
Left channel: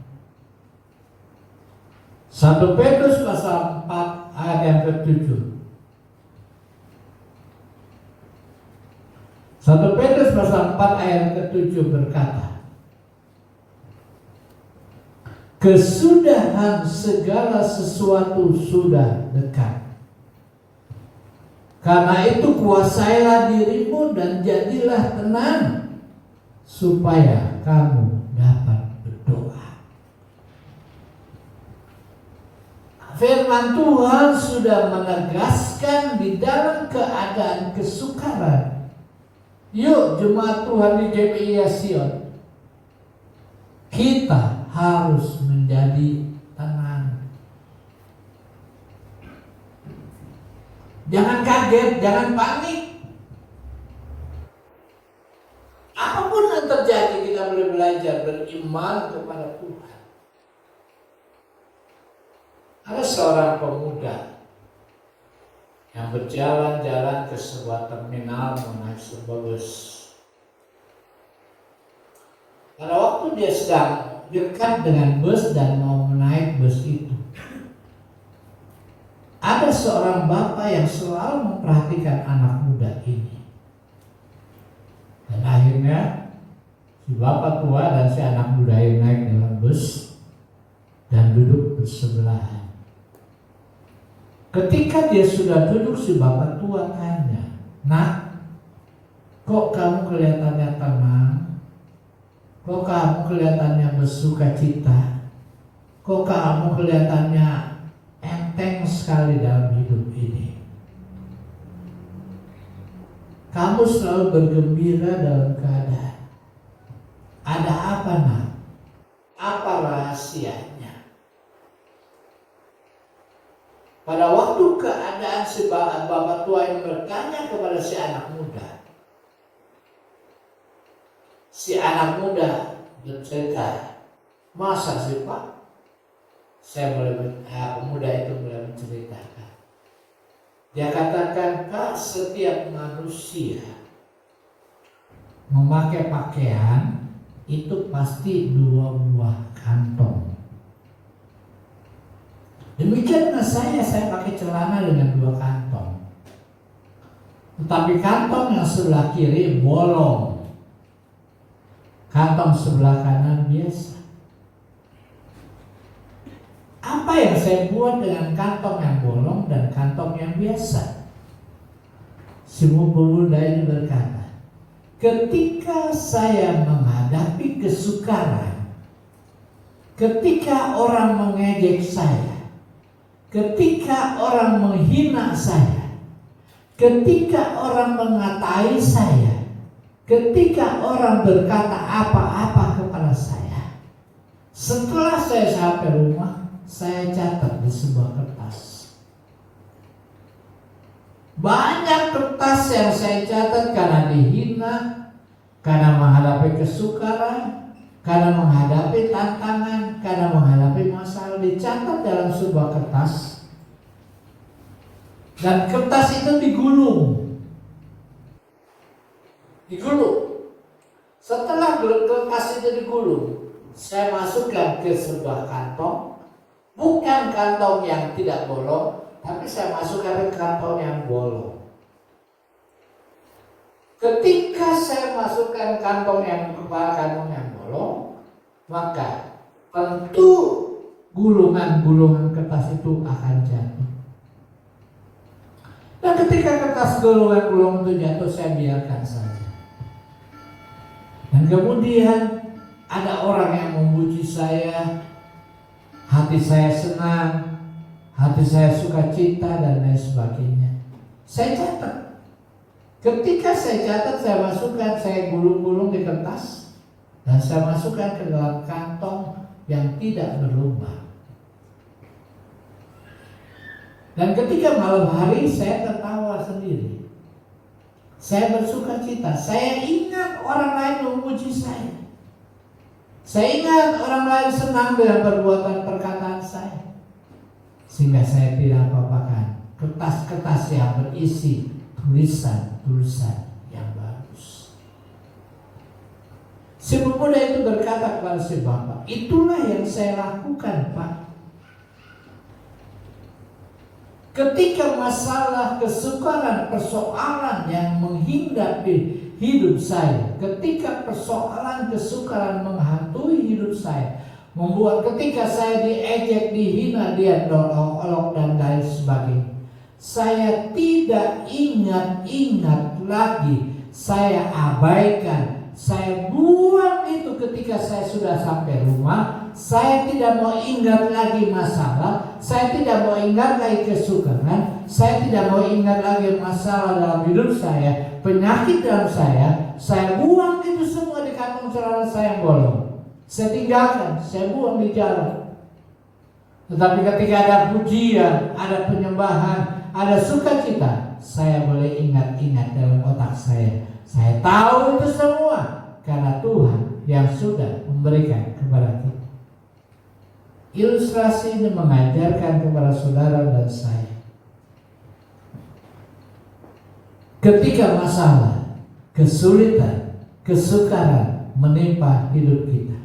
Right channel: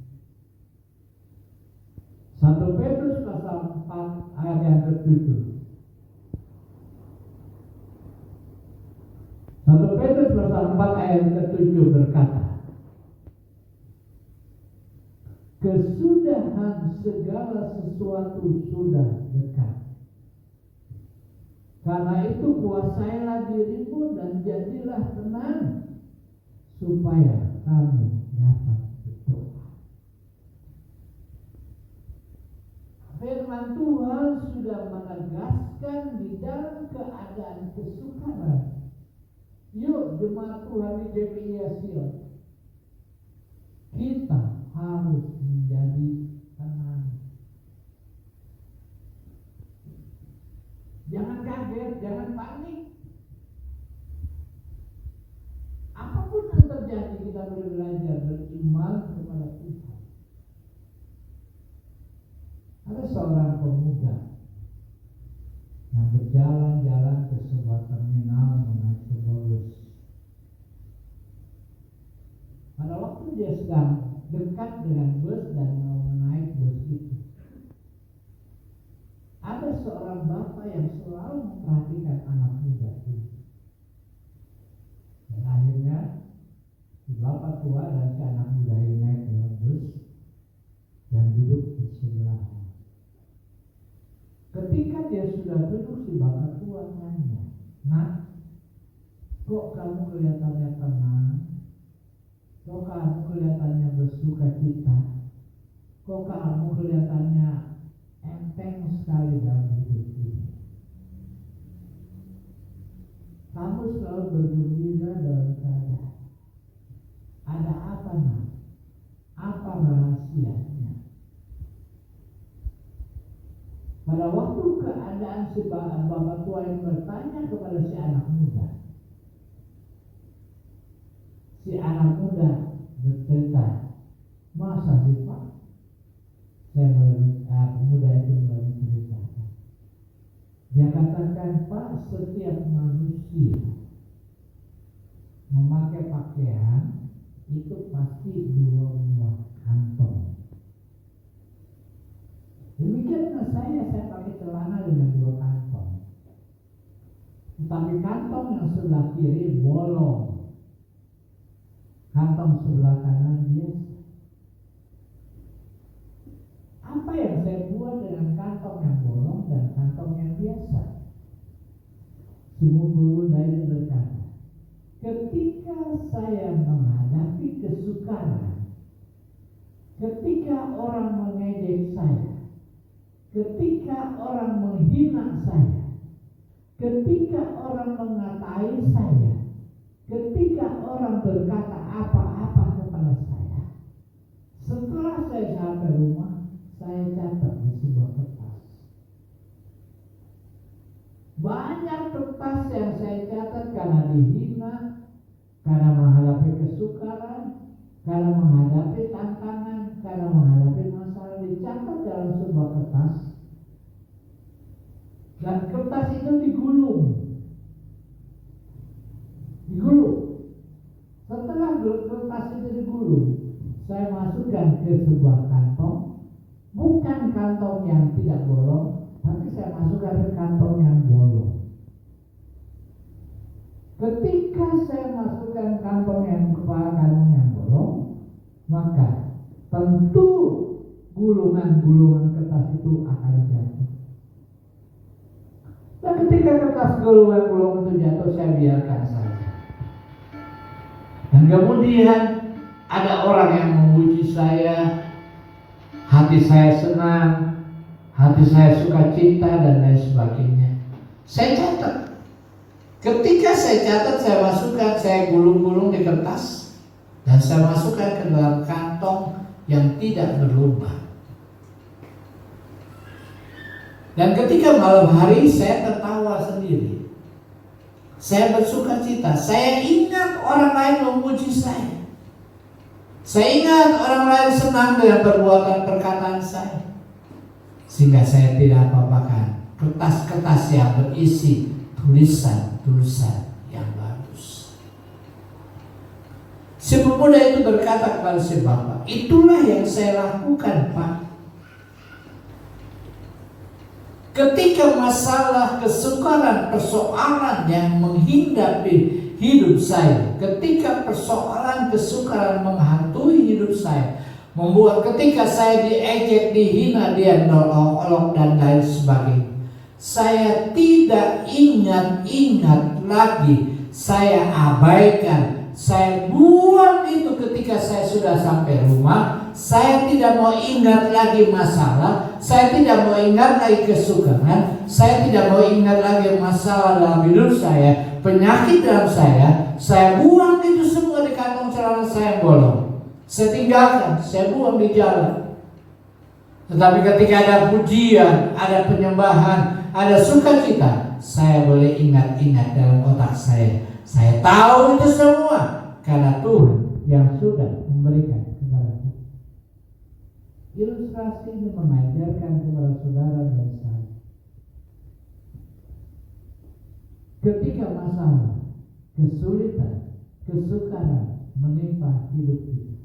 1 Petrus pasal 4 ayat yang ke-7. 1 Petrus pasal 4 ayat ke-7 berkata, kesudahan segala sesuatu sudah dekat. Karena itu kuasailah dirimu dan jadilah tenang, supaya kamu dapat berdoa. Firman Tuhan sudah menegaskan di dalam keadaan kesukaran. Yuk jemaat Tuhan di GPI Sion, kita harus menjadi tenang. Jangan kaget, jangan panik. Apapun yang terjadi, kita boleh belajar beriman kepada Tuhan. Ada seorang pemuda yang berjalan-jalan ke sebuah terminal menaik sebuah bus. Pada waktu dia sedang dekat dengan bus dan mau menaik bus itu, ada seorang bapak yang selalu memperhatikan anak muda ini. Dan akhirnya si bapak tua dan si anak muda ini naik dalam bus dan duduk bersebelahan. Ketika dia sudah duduk, si bapak tua tanya, "Nak, kok kamu kelihatannya tenang? Kok kamu kelihatannya bersuka cita? Kok kamu kelihatannya enteng sekali dalam hidup ini? Kamu selalu bergembira dalam keadaan. Ada apa, Nak? Apa rahasianya?" Pada waktu keadaan si bapak tua yang bertanya kepada si anak muda, si anak muda bercerita, "Masa sih Pak?" Pemuda itu mulai menceritakan. Dia katakan, "Pak, setiap manusia memakai pakaian itu pasti 2 buah kantong. Demikianlah saya pakai celana dengan 2 kantong. Tetapi kantong yang sebelah kiri bolong, kantong sebelah kanan biasa. Apa yang saya buat dengan kantong yang bolong dan kantong yang biasa?" Si pemuda ini berkata, "Ketika saya menghadapi kesukaran, ketika orang mengejek saya, ketika orang menghina saya, ketika orang mengatai saya, ketika orang berkata apa-apa kepada saya, setelah saya sampai rumah, saya catat di sebuah kertas. Banyak kertas yang saya catat karena dihina, karena menghadapi kesukaran, karena menghadapi tantangan, karena menghadapi masalah, dicatat dalam sebuah kertas. Dan kertas itu digulung. Setelah kertas itu digulung, saya masukkan ke sebuah kantong. Bukan kantong yang tidak bolong, tapi saya masukkan ke kantong yang bolong. Ketika saya masukkan kantong yang bolong, maka tentu gulungan-gulungan kertas itu akan jatuh. Dan ketika kertas gulungan itu jatuh, saya biarkan saja. Dan kemudian ada orang yang memuji saya, hati saya senang, hati saya sukacita dan lain sebagainya. Saya catat. Ketika saya catat, saya masukkan, saya gulung-gulung di kertas, dan saya masukkan ke dalam kantong yang tidak berlubang. Dan ketika malam hari, saya tertawa sendiri. Saya bersukacita. Saya ingat orang lain memuji saya. Saya ingat orang lain senang dengan perbuatan perkataan saya. Sehingga saya tidak apa-apakan kertas-kertas yang berisi tulisan-tulisan yang bagus. Si pemuda itu berkata kepada si bapak, itulah yang saya lakukan, Pak. Ketika masalah, kesukaran, persoalan yang menghinggapi hidup saya, ketika persoalan, kesukaran menghantui hidup saya, membuat ketika saya diejek, dihina, dia olok-olok dan lain sebagainya, saya tidak ingat-ingat lagi, saya abaikan, saya buang itu ketika saya sudah sampai rumah. Saya tidak mau ingat lagi masalah, saya tidak mau ingat lagi kesukaran, saya tidak mau ingat lagi masalah dalam hidup saya, penyakit dalam saya buang itu semua di kantong celana saya yang bolong. Saya tinggalkan, saya buang di jalan. Tetapi ketika ada pujian, ada penyembahan, ada sukacita, saya boleh ingat-ingat dalam otak saya. Saya tahu itu semua karena Tuhan yang sudah memberikan kepada kita. Ilustrasi ini mengajarkan kepada saudara dan saya, ketika masalah, kesulitan, kesukaran menimpa hidup kita,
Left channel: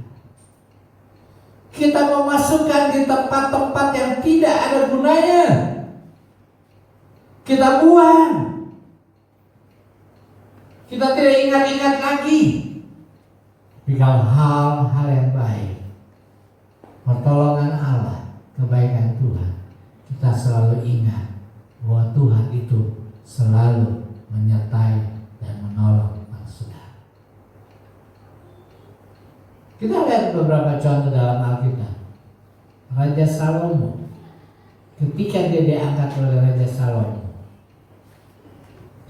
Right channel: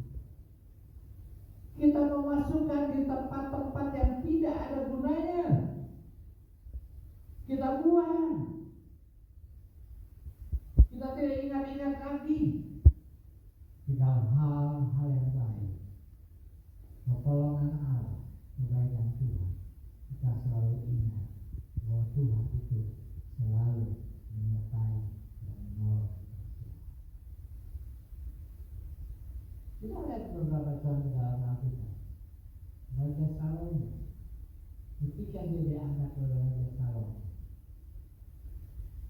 kita memasukkan di tempat-tempat yang tidak ada gunanya, kita buang, kita tidak ingat-ingat lagi. Tapi kalau hal-hal yang baik, pertolongan Allah, kebaikan Tuhan, kita selalu ingat bahwa Tuhan itu selalu menyertai dan menolong saudara. Kita lihat beberapa contoh dalam Alkitab. Raja Salomo, ketika dia diangkat oleh Raja Salomo,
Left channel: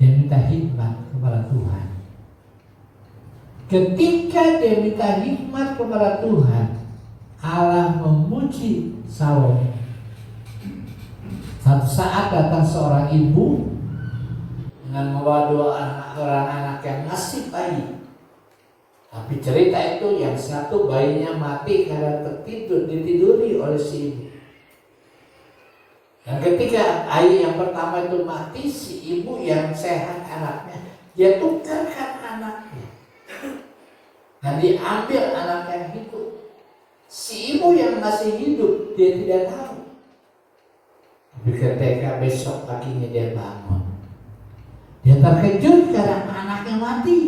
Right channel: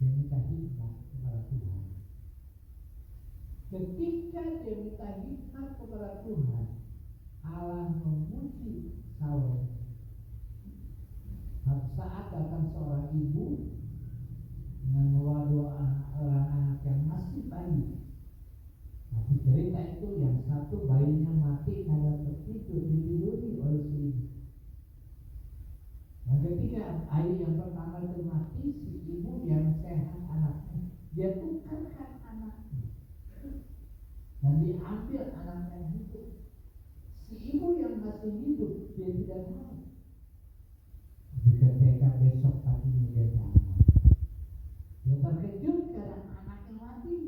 dia minta hikmat kepada Tuhan. Ketika dia minta hikmat kepada Tuhan, Allah memuji Salomo. Satu saat datang seorang ibu dengan membawa orang anak yang masih bayi. Tapi cerita itu yang satu bayinya mati karena ditiduri oleh si ibu. Dan ketika bayi yang pertama itu mati, si ibu yang sehat anaknya, dia tukarkan anaknya. Dan diambil anak yang hidup. Si ibu yang masih hidup, dia tidak tahu. Tapi ketika besok paginya dia bangun, dia terkejut karena anaknya mati.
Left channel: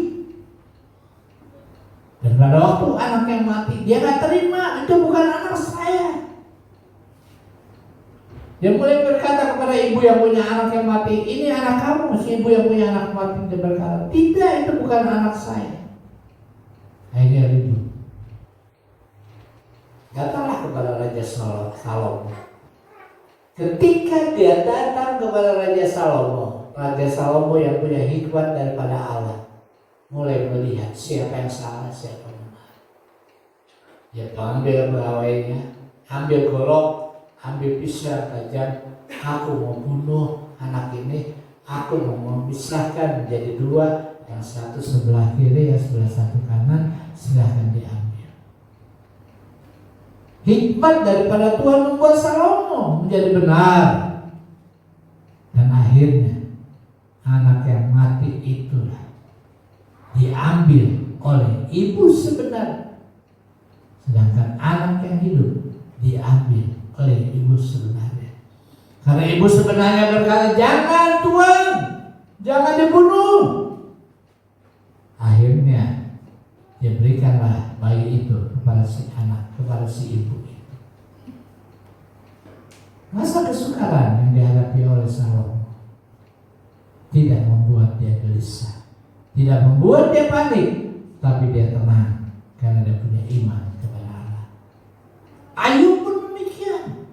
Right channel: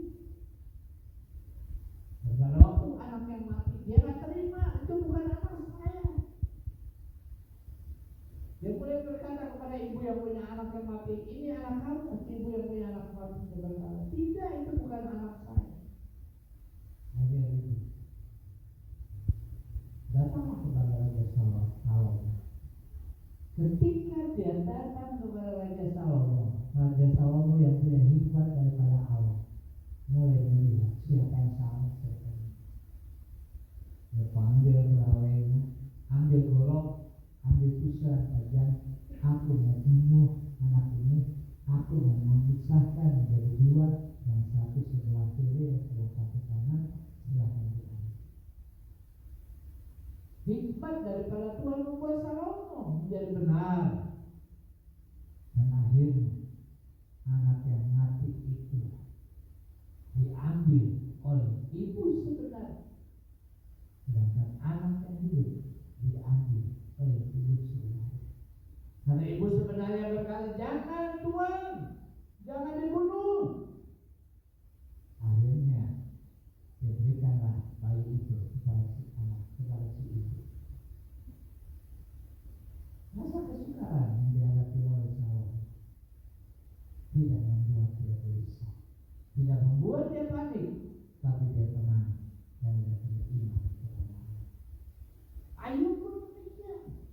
Dan pada waktu anaknya mati, dia gak terima, itu bukan anak saya. Dia mulai berkata kepada ibu yang punya anak yang mati, ini anak kamu. Si ibu yang punya anak mati, dia berkata, tidak, itu bukan anak saya. Akhirnya ribut. Datanglah kepada Raja Salomo. Ketika dia datang kepada Raja Salomo yang punya hikmat daripada Allah, mulai melihat siapa yang salah, siapa yang benar. Dia ambil pegawainya, ambil golok, ambil pisau tajam. Aku mau bunuh anak ini, aku mau memisahkan menjadi dua, yang satu sebelah kiri, yang sebelah satu kanan, silahkan diambil. Hikmat daripada Tuhan membuat Salomo menjadi benar. Dan akhirnya anak yang mati itulah diambil oleh ibu sebenarnya, sedangkan anak yang hidup diambil oleh ibu sebenarnya. Karena ibu sebenarnya berkata, jangan Tuhan, jangan dibunuh. Akhirnya dia berikanlah bayi itu kepada si anak, kepada si ibu itu. Masa kesukaran yang dihadapi oleh Salomo tidak membuat dia gelisah, tidak membuat dia panik, tapi dia tenang karena dia punya iman kepada Allah. Ayub pun demikian.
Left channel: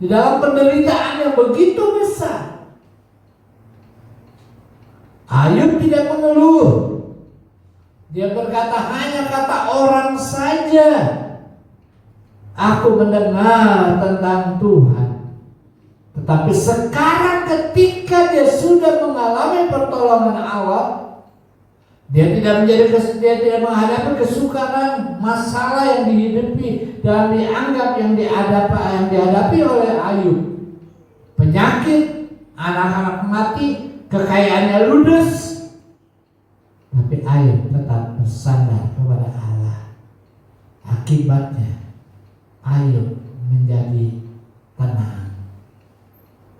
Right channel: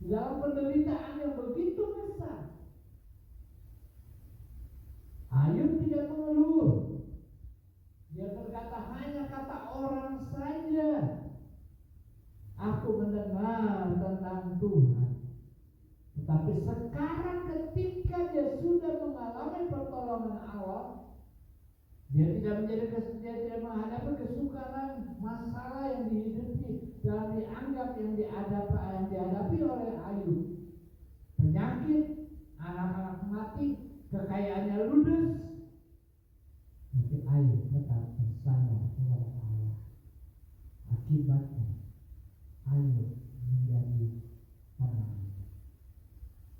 Di dalam penderitaan yang begitu besar, Ayub tidak mengeluh. Dia berkata, hanya kata orang saja aku mendengar tentang Tuhan. Tetapi sekarang ketika dia sudah mengalami pertolongan Allah, dia tidak menghadapi kesukaran, masalah yang dihidupi dan dianggap yang dihadapi oleh Ayub. Penyakit, anak-anak mati, kekayaannya ludes. Tapi Ayub tetap bersandar kepada Allah. Akibatnya Ayub menjadi tenang.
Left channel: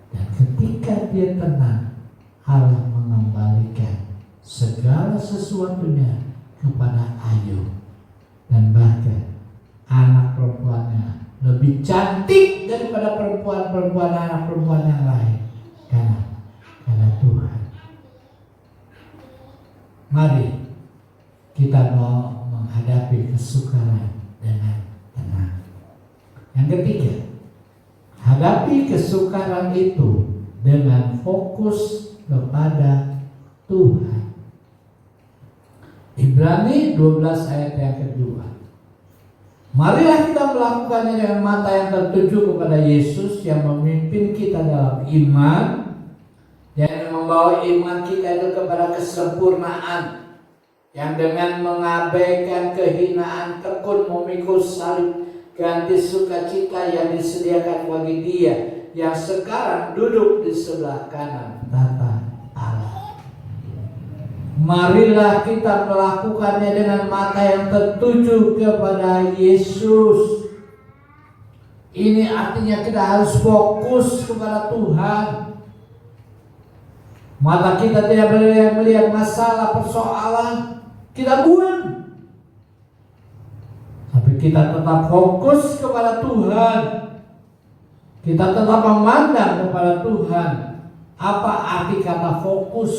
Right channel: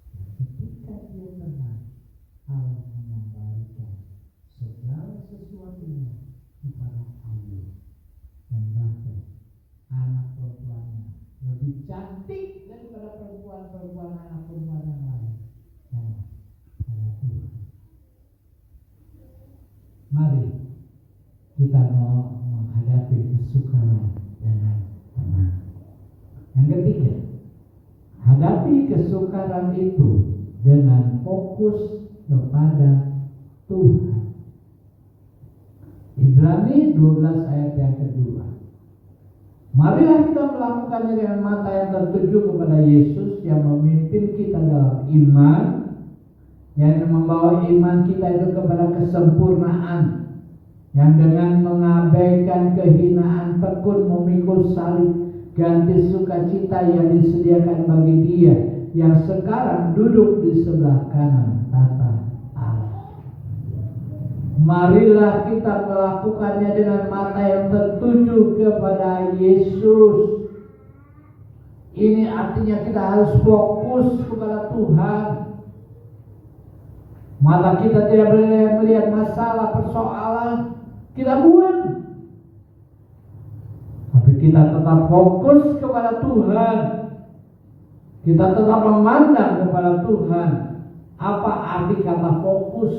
Dan ketika dia tenang, Allah mengembalikan segala sesuatunya kepada Ayub. Dan bahkan anak perempuannya lebih cantik daripada perempuan anak perempuan yang lain. Karena Tuhan. Mari kita mau menghadapi kesukaran dengan tenang. Yang ketiga, hadapi kesukaran itu dengan fokus kepada Tuhan. Ibrani 12 ayat yang kedua. Marilah kita melakukannya dengan mata yang tertuju kepada Yesus yang memimpin kita dalam iman, yang membawa iman kita itu kepada kesempurnaan, yang dengan mengabaikan kehinaan tekun memikul salib, ganti sukacita yang disediakan bagi Dia yang sekarang duduk di sebelah kanan tahta Allah. Marilah kita melakukannya dengan mata yang tertuju kepada Yesus. Ini artinya kita harus fokus kepada Tuhan. Mata kita tidak boleh melihat masalah, persoalan, kita buang. Tapi kita tetap fokus kepada Tuhan. Kita tetap memandang kepada Tuhan. Apa arti kata fokus?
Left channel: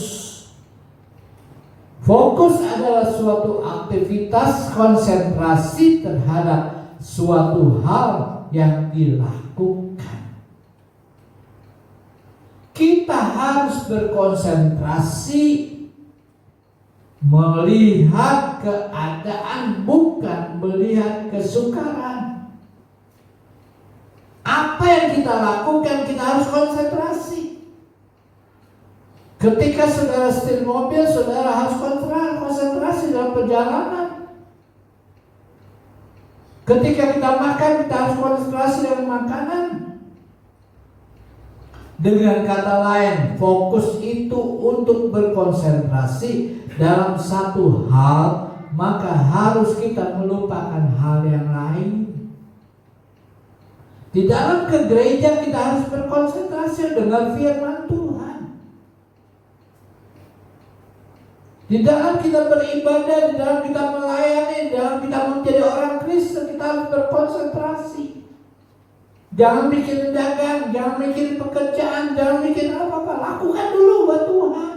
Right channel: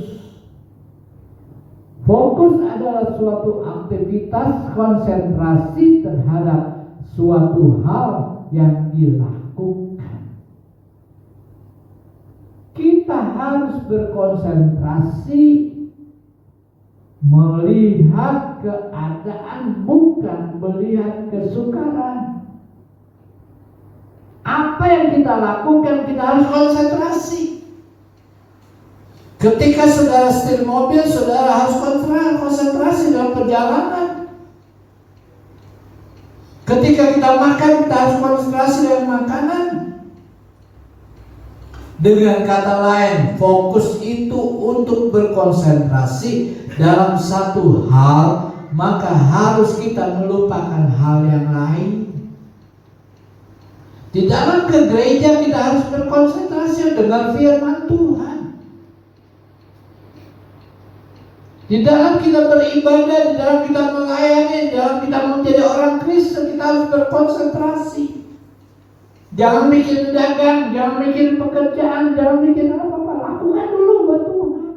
Fokus adalah suatu aktivitas konsentrasi terhadap suatu hal yang dilakukan. Kita harus berkonsentrasi melihat keadaan, bukan melihat kesukaran. Apa yang kita lakukan, kita harus konsentrasi. Ketika saudara setir mobil, saudara harus konsentrasi dalam perjalanan. Ketika kita makan, kita harus konsentrasi dalam makanan. Dengan kata lain, fokus itu untuk berkonsentrasi dalam satu hal, maka harus kita melupakan hal yang lain. Di dalam ke gereja kita harus berkonsentrasi dengan firman Tuhan. Di dalam kita beribadah, di dalam kita melayani, di dalam kita menjadi orang Kristen, kita harus berkonsentrasi. Jangan bikin dagang, jangan bikin pekerjaan, jangan bikin apa-apa. Lakukan dulu buat Tuhan.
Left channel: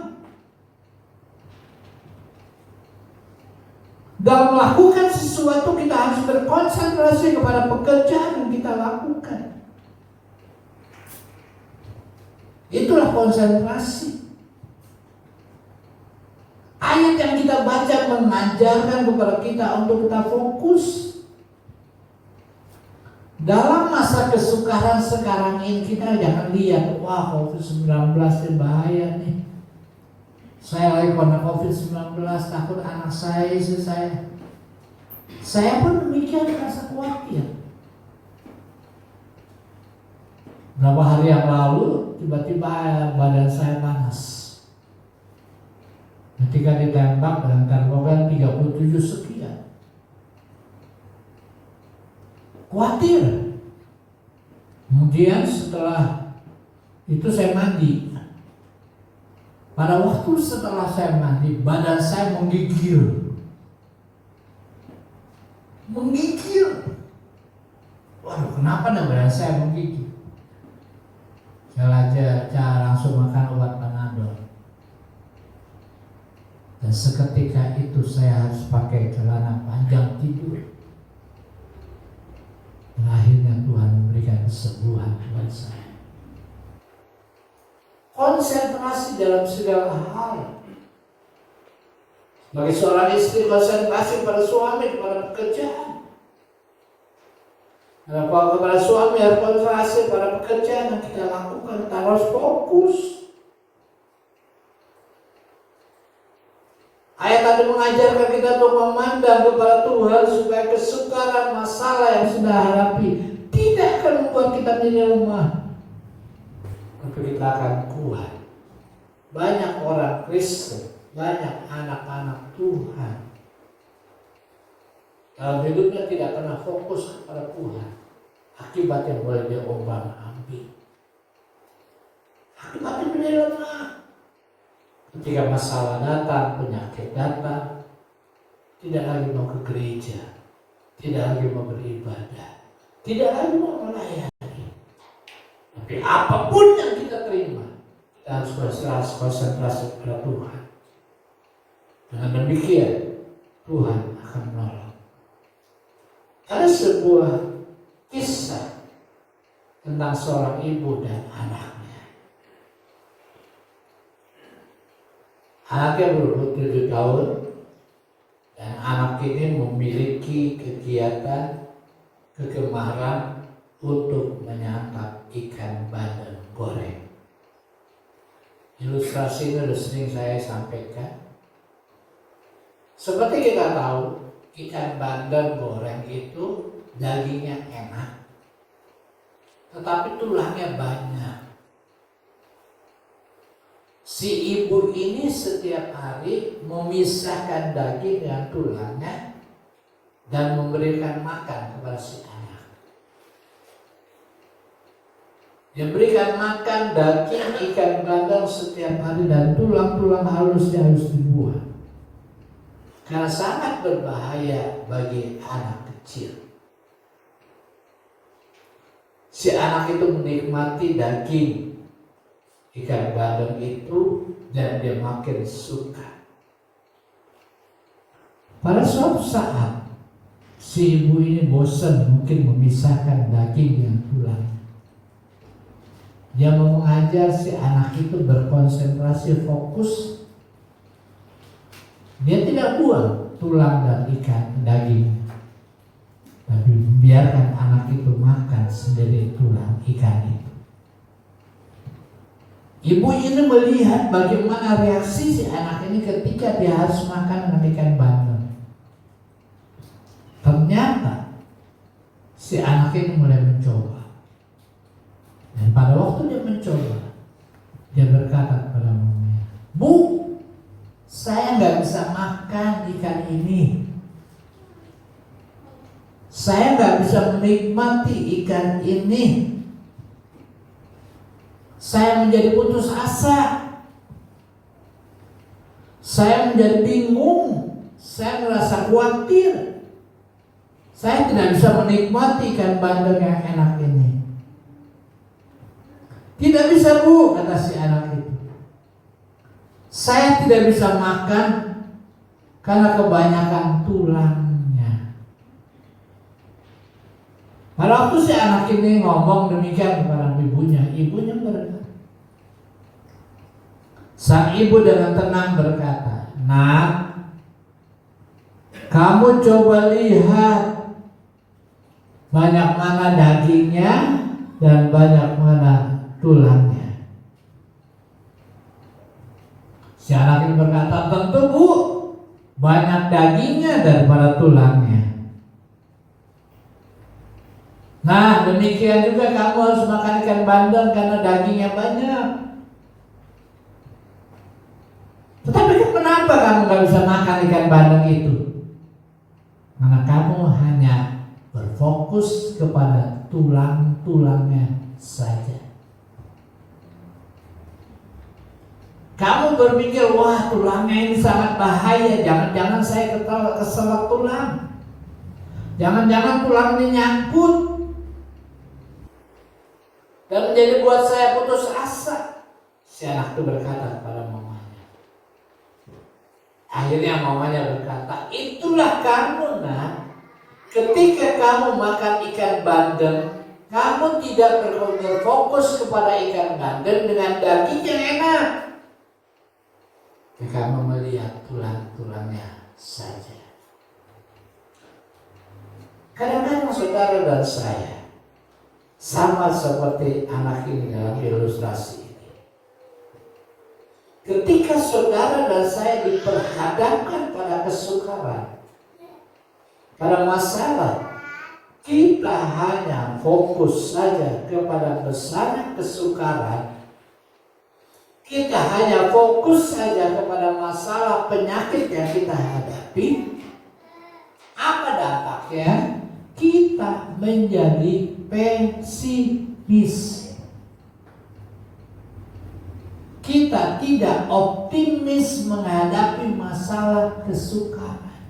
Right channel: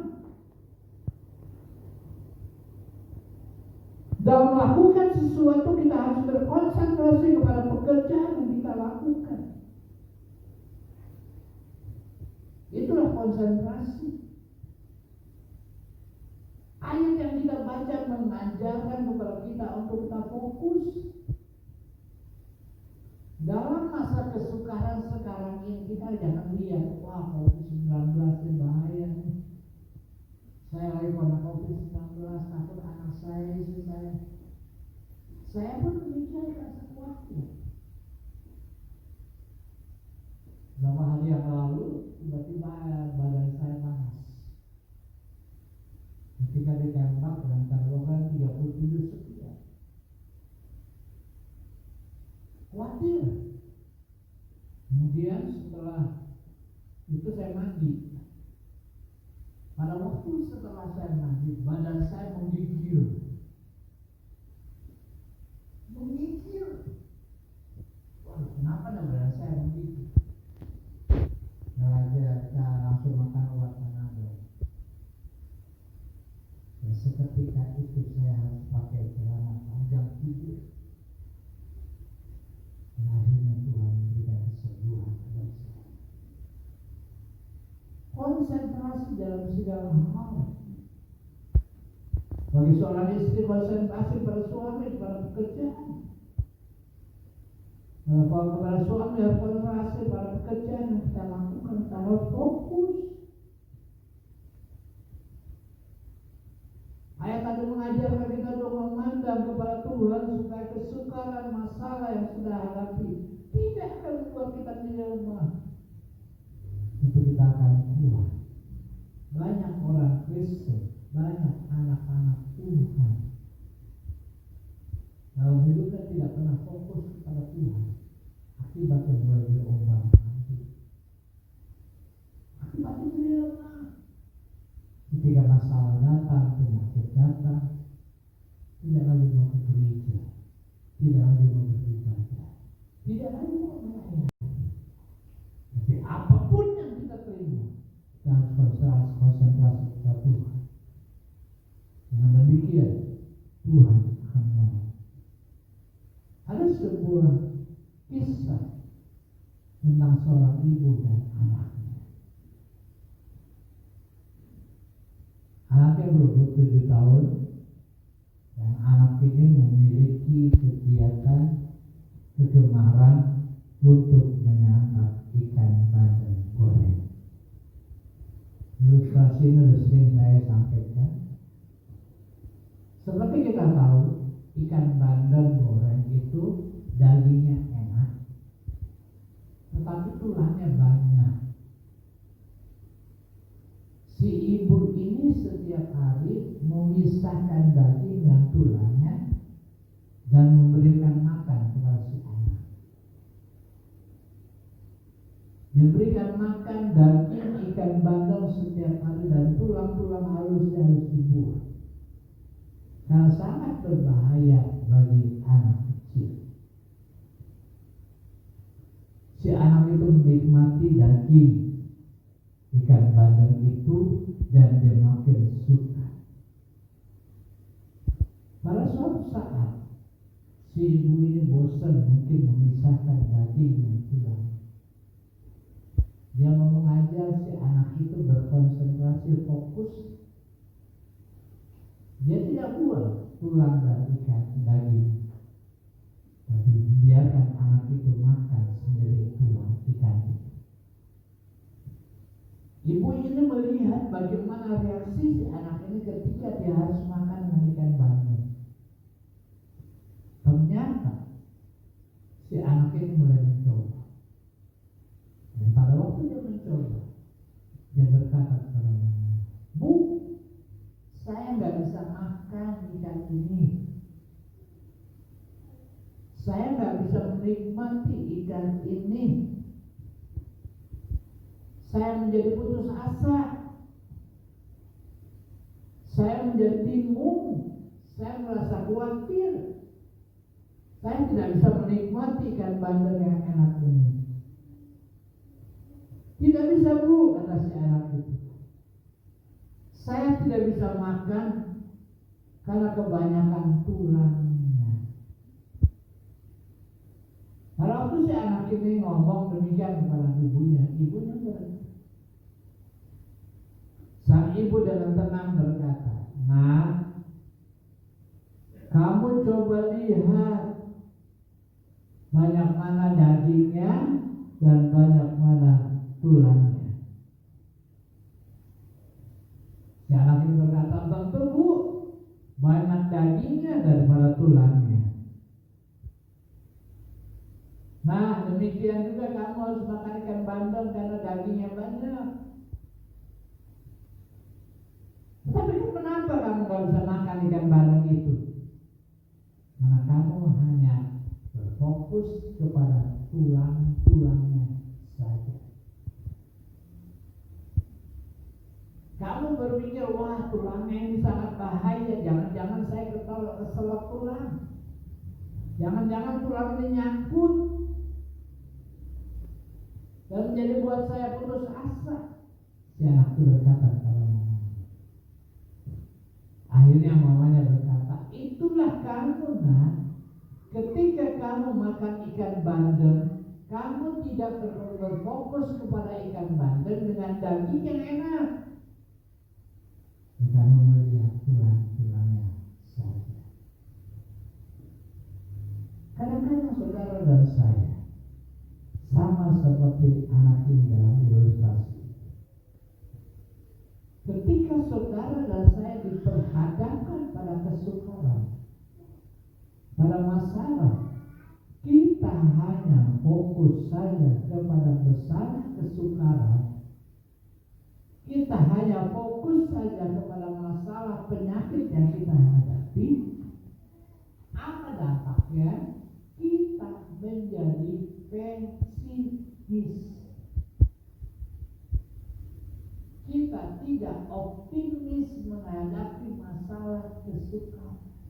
Dalam melakukan sesuatu kita harus berkonsentrasi kepada pekerjaan yang kita lakukan. Itulah konsentrasi. Ayat yang kita baca mengajarkan kepada kita untuk kita fokus. Dalam masa kesukaran sekarang ini kita jangan lihat, wah COVID-19 ini bahaya nih. Saya lagi kena COVID-19, takut anak saya, istri saya. Saya pun demikian, rasa khawatir. Berapa hari yang lalu tiba-tiba badan saya panas. Ketika ditembak dengan termogan 37 sekian. Khawatir. Kemudian setelah itu saya mandi. Pada waktu setelah saya mandi, badan saya menggigil. Menggigil. Waduh, kenapa nih badan saya menggigil? Saya langsung makan obat Panadol. Dan seketika itu saya harus pakai celana panjang tidur. Dan akhirnya Tuhan memberikan kesembuhan buat saya. Konsentrasi dalam segala hal. Bagi seorang istri, konsentrasi pada suami, kepada pekerjaan. Kepada suami harus konsentrasi pada pekerjaan yang kita lakukan. Kita harus fokus. Ayat tadi mengajarkan kita untuk memandang kepada Tuhan supaya kesukaran masalah yang sudah hadapi tidak akan membuat kita menjadi lemah, tapi kita akan kuat. Banyak orang Kristen, banyak anak-anak Tuhan dalam hidupnya tidak pernah fokus kepada Tuhan. Akibatnya boleh diombang-ambing. Akibatnya menjadi lemah. Ketika masalah datang, penyakit datang, tidak lagi mau ke gereja, tidak lagi mau beribadah, tidak lagi mau melayani. Tapi apapun yang kita terima, kita harus konsentrasi pada Tuhan. Dengan demikian, Tuhan akan menolong. Ada sebuah kisah tentang seorang ibu dan anaknya. Anaknya berumur 7 tahun dan anak ini memiliki kegiatan kegemaran untuk menyantap ikan bandeng goreng. Ilustrasi ini sudah sering saya sampaikan. Seperti kita tahu, ikan bandeng goreng itu dagingnya enak, tetapi tulangnya banyak. Si ibu ini setiap hari memisahkan daging dan tulangnya dan memberikan makan kepada si anak. Dia berikan makan daging ikan bandeng setiap hari dan tulang-tulang halusnya harus dibuang. Karena sangat berbahaya bagi anak kecil. Si anak itu menikmati daging ikan bandeng itu dan dia makin suka. Pada suatu saat si ibu ini bosan mungkin memisahkan daging dan tulang. Dia mau mengajar si anak itu berkonsentrasi fokus. Dia tidak buang tulang dan ikan daging, tapi biarkan anak itu makan sendiri tulang ikan itu. Ibu ini melihat bagaimana reaksi si anak ini ketika dia harus makan dengan ikan bandeng. Ternyata si anak ini mulai mencoba. Dan pada waktu dia mencoba, dia berkata kepada mamanya, "Bu, saya nggak bisa makan ikan ini. Saya nggak bisa menikmati ikan ini. Saya menjadi putus asa. Saya menjadi bingung. Saya merasa khawatir. Saya tidak bisa menikmati ikan bandeng yang enak ini." "Tidak bisa, Bu," kata si anak itu. "Saya tidak bisa makan karena kebanyakan tulangnya. Pada waktu si anak ini ngomong demikian kepada ibunya berkata, sang ibu dengan tenang berkata, "Nak, kamu coba lihat banyak mana dagingnya dan banyak mana tulangnya." Si anak ini berkata, "Tentu Bu, banyak dagingnya daripada tulangnya." Nah, demikian juga kamu harus makan ikan bandeng karena dagingnya banyak. Tetapi kenapa kamu gak bisa makan ikan bandeng itu? Karena kamu hanya berfokus kepada tulang-tulangnya saja. Kamu berpikir, wah tulangnya ini sangat bahaya, jangan-jangan saya keselak tulang. Jangan-jangan tulang ini nyangkut dan menjadi buat saya putus asa. Si anak itu berkata kepada mamanya. Akhirnya mamanya berkata, "Itulah kamu, Nak. Ketika kamu makan ikan bandeng, kamu tidak berfokus kepada ikan bandeng dengan daging yang enak. Kamu melihat tulang-tulangnya saja." Kadang-kadang saudara dan saya sama seperti anak ini dalam ilustrasi ini. Ketika saudara dan saya diperhadapkan pada kesukaran, pada masalah, kita hanya fokus saja kepada besarnya kesukaran. Kita hanya fokus saja kepada masalah penyakit yang kita hadapi. Apa dampaknya? Kita menjadi pesimis. Kita tidak optimis menghadapi masalah kesukaran.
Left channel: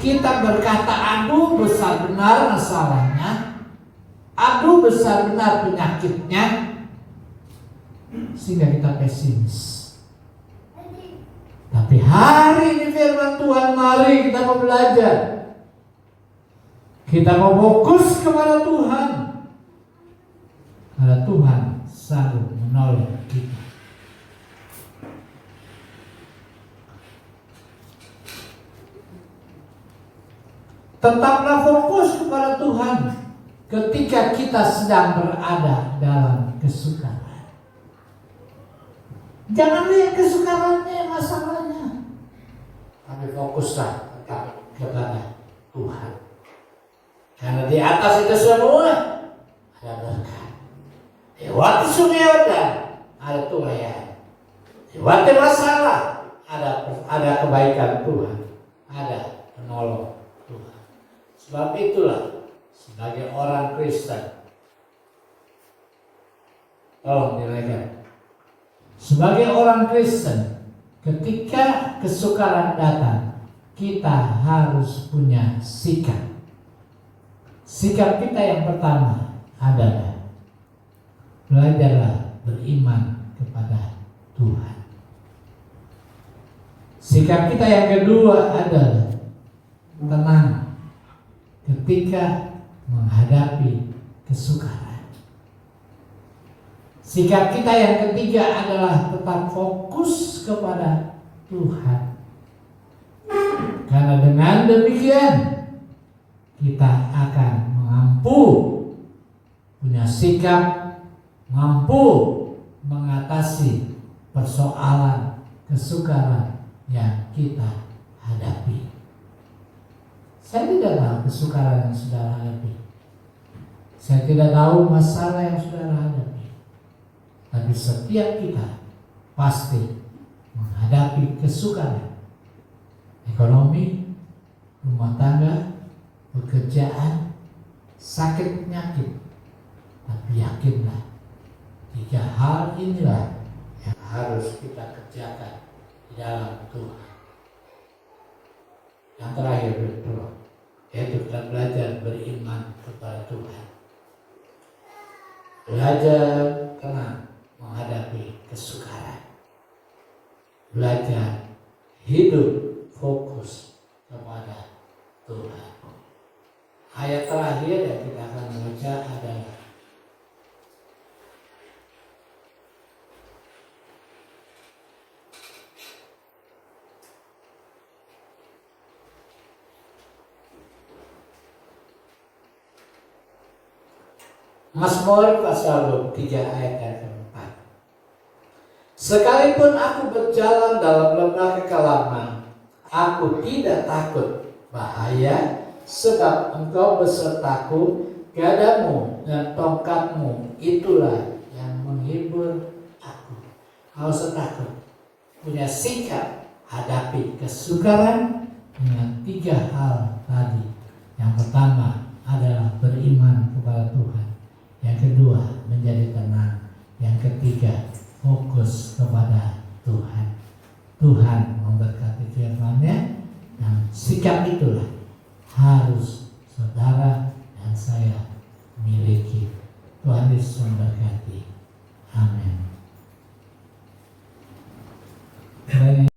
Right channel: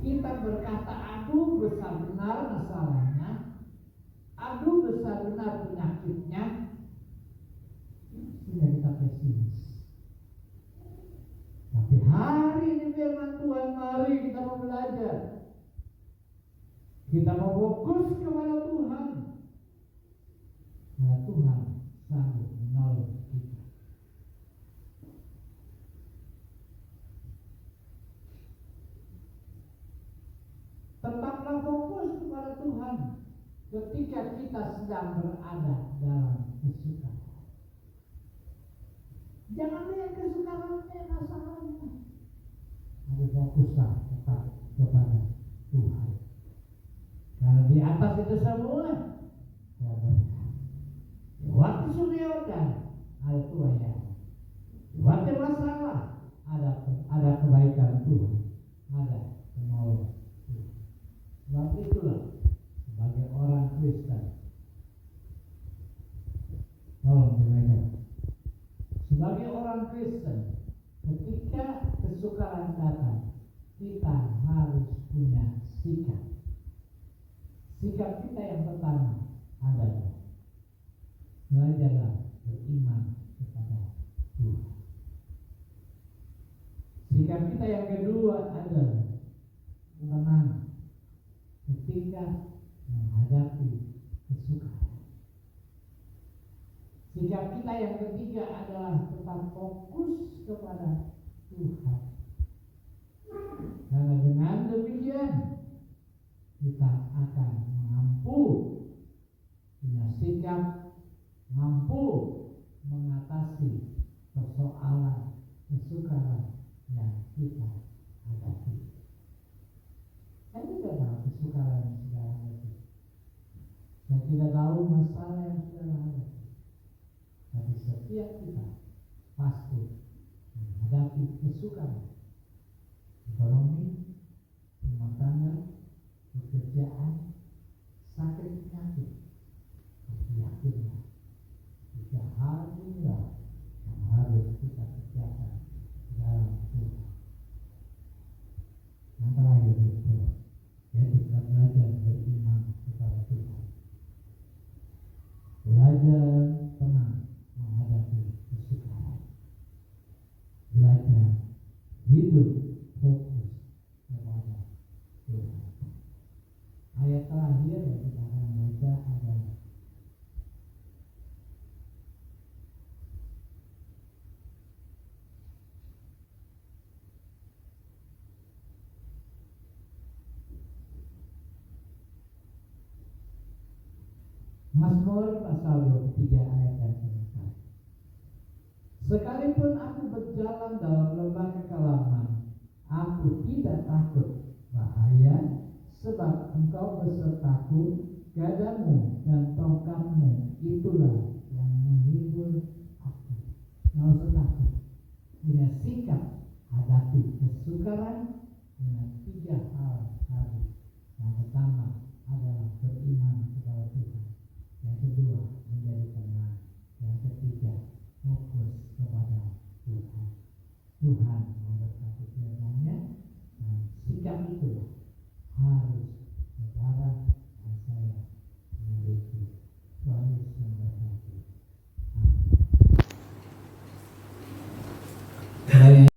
Kita berkata, aduh besar benar masalahnya, aduh besar benar penyakitnya, sehingga kita pesimis. Tapi hari ini firman Tuhan, mari kita mau belajar. Kita mau fokus kepada Tuhan. Karena Tuhan sanggup menolong kita. Tetaplah fokus kepada Tuhan ketika kita sedang berada dalam kesukaran. Jangan lihat kesukarannya, masalahnya, tapi fokuslah tetap kepada Tuhan. Karena di atas itu semua ada berkat. Lewati sungai Yordan ada Tuhan. Lewati masalah ada kebaikan Tuhan, ada penolong Tuhan. Sebab itulah sebagai orang Kristen, tolong dinaikkan. Sebagai orang Kristen, ketika kesukaran datang, kita harus punya sikap. Sikap kita yang pertama adalah belajarlah beriman kepada Tuhan. Sikap kita yang kedua adalah tenang ketika menghadapi kesukaran. Sikap kita yang ketiga adalah tetap fokus kepada Tuhan. Karena dengan demikian kita akan punya sikap mampu mengatasi persoalan kesukaran yang kita hadapi. Saya tidak tahu kesukaran yang saudara hadapi. Saya tidak tahu masalah yang saudara hadapi. Tapi setiap kita pasti menghadapi kesukaran. Ekonomi, rumah tangga, pekerjaan, sakit penyakit. Tapi yakinlah, 3 hal inilah yang harus kita kerjakan di dalam Tuhan. Yang terakhir betul, yaitu kita belajar beriman kepada Tuhan. Belajar tenang menghadapi kesukaran. Belajar hidup fokus kepada Tuhan. Ayat terakhir yang kita akan baca adalah Mazmur pasal 23 ayat yang keempat. Sekalipun aku berjalan dalam lembah kekelaman, aku tidak takut bahaya, sebab Engkau besertaku, gadamu dan tongkatmu itulah yang menghibur aku. Nggak usah takut. Punya sikap hadapi kesukaran dengan 3 hal tadi. Yang pertama adalah beriman kepada Tuhan. Yang kedua, menjadi tenang. Yang ketiga, fokus kepada Tuhan. Tuhan memberkati firman-Nya, dan sikap itulah harus saudara dan saya miliki. Tuhan Yesus memberkati. Amin.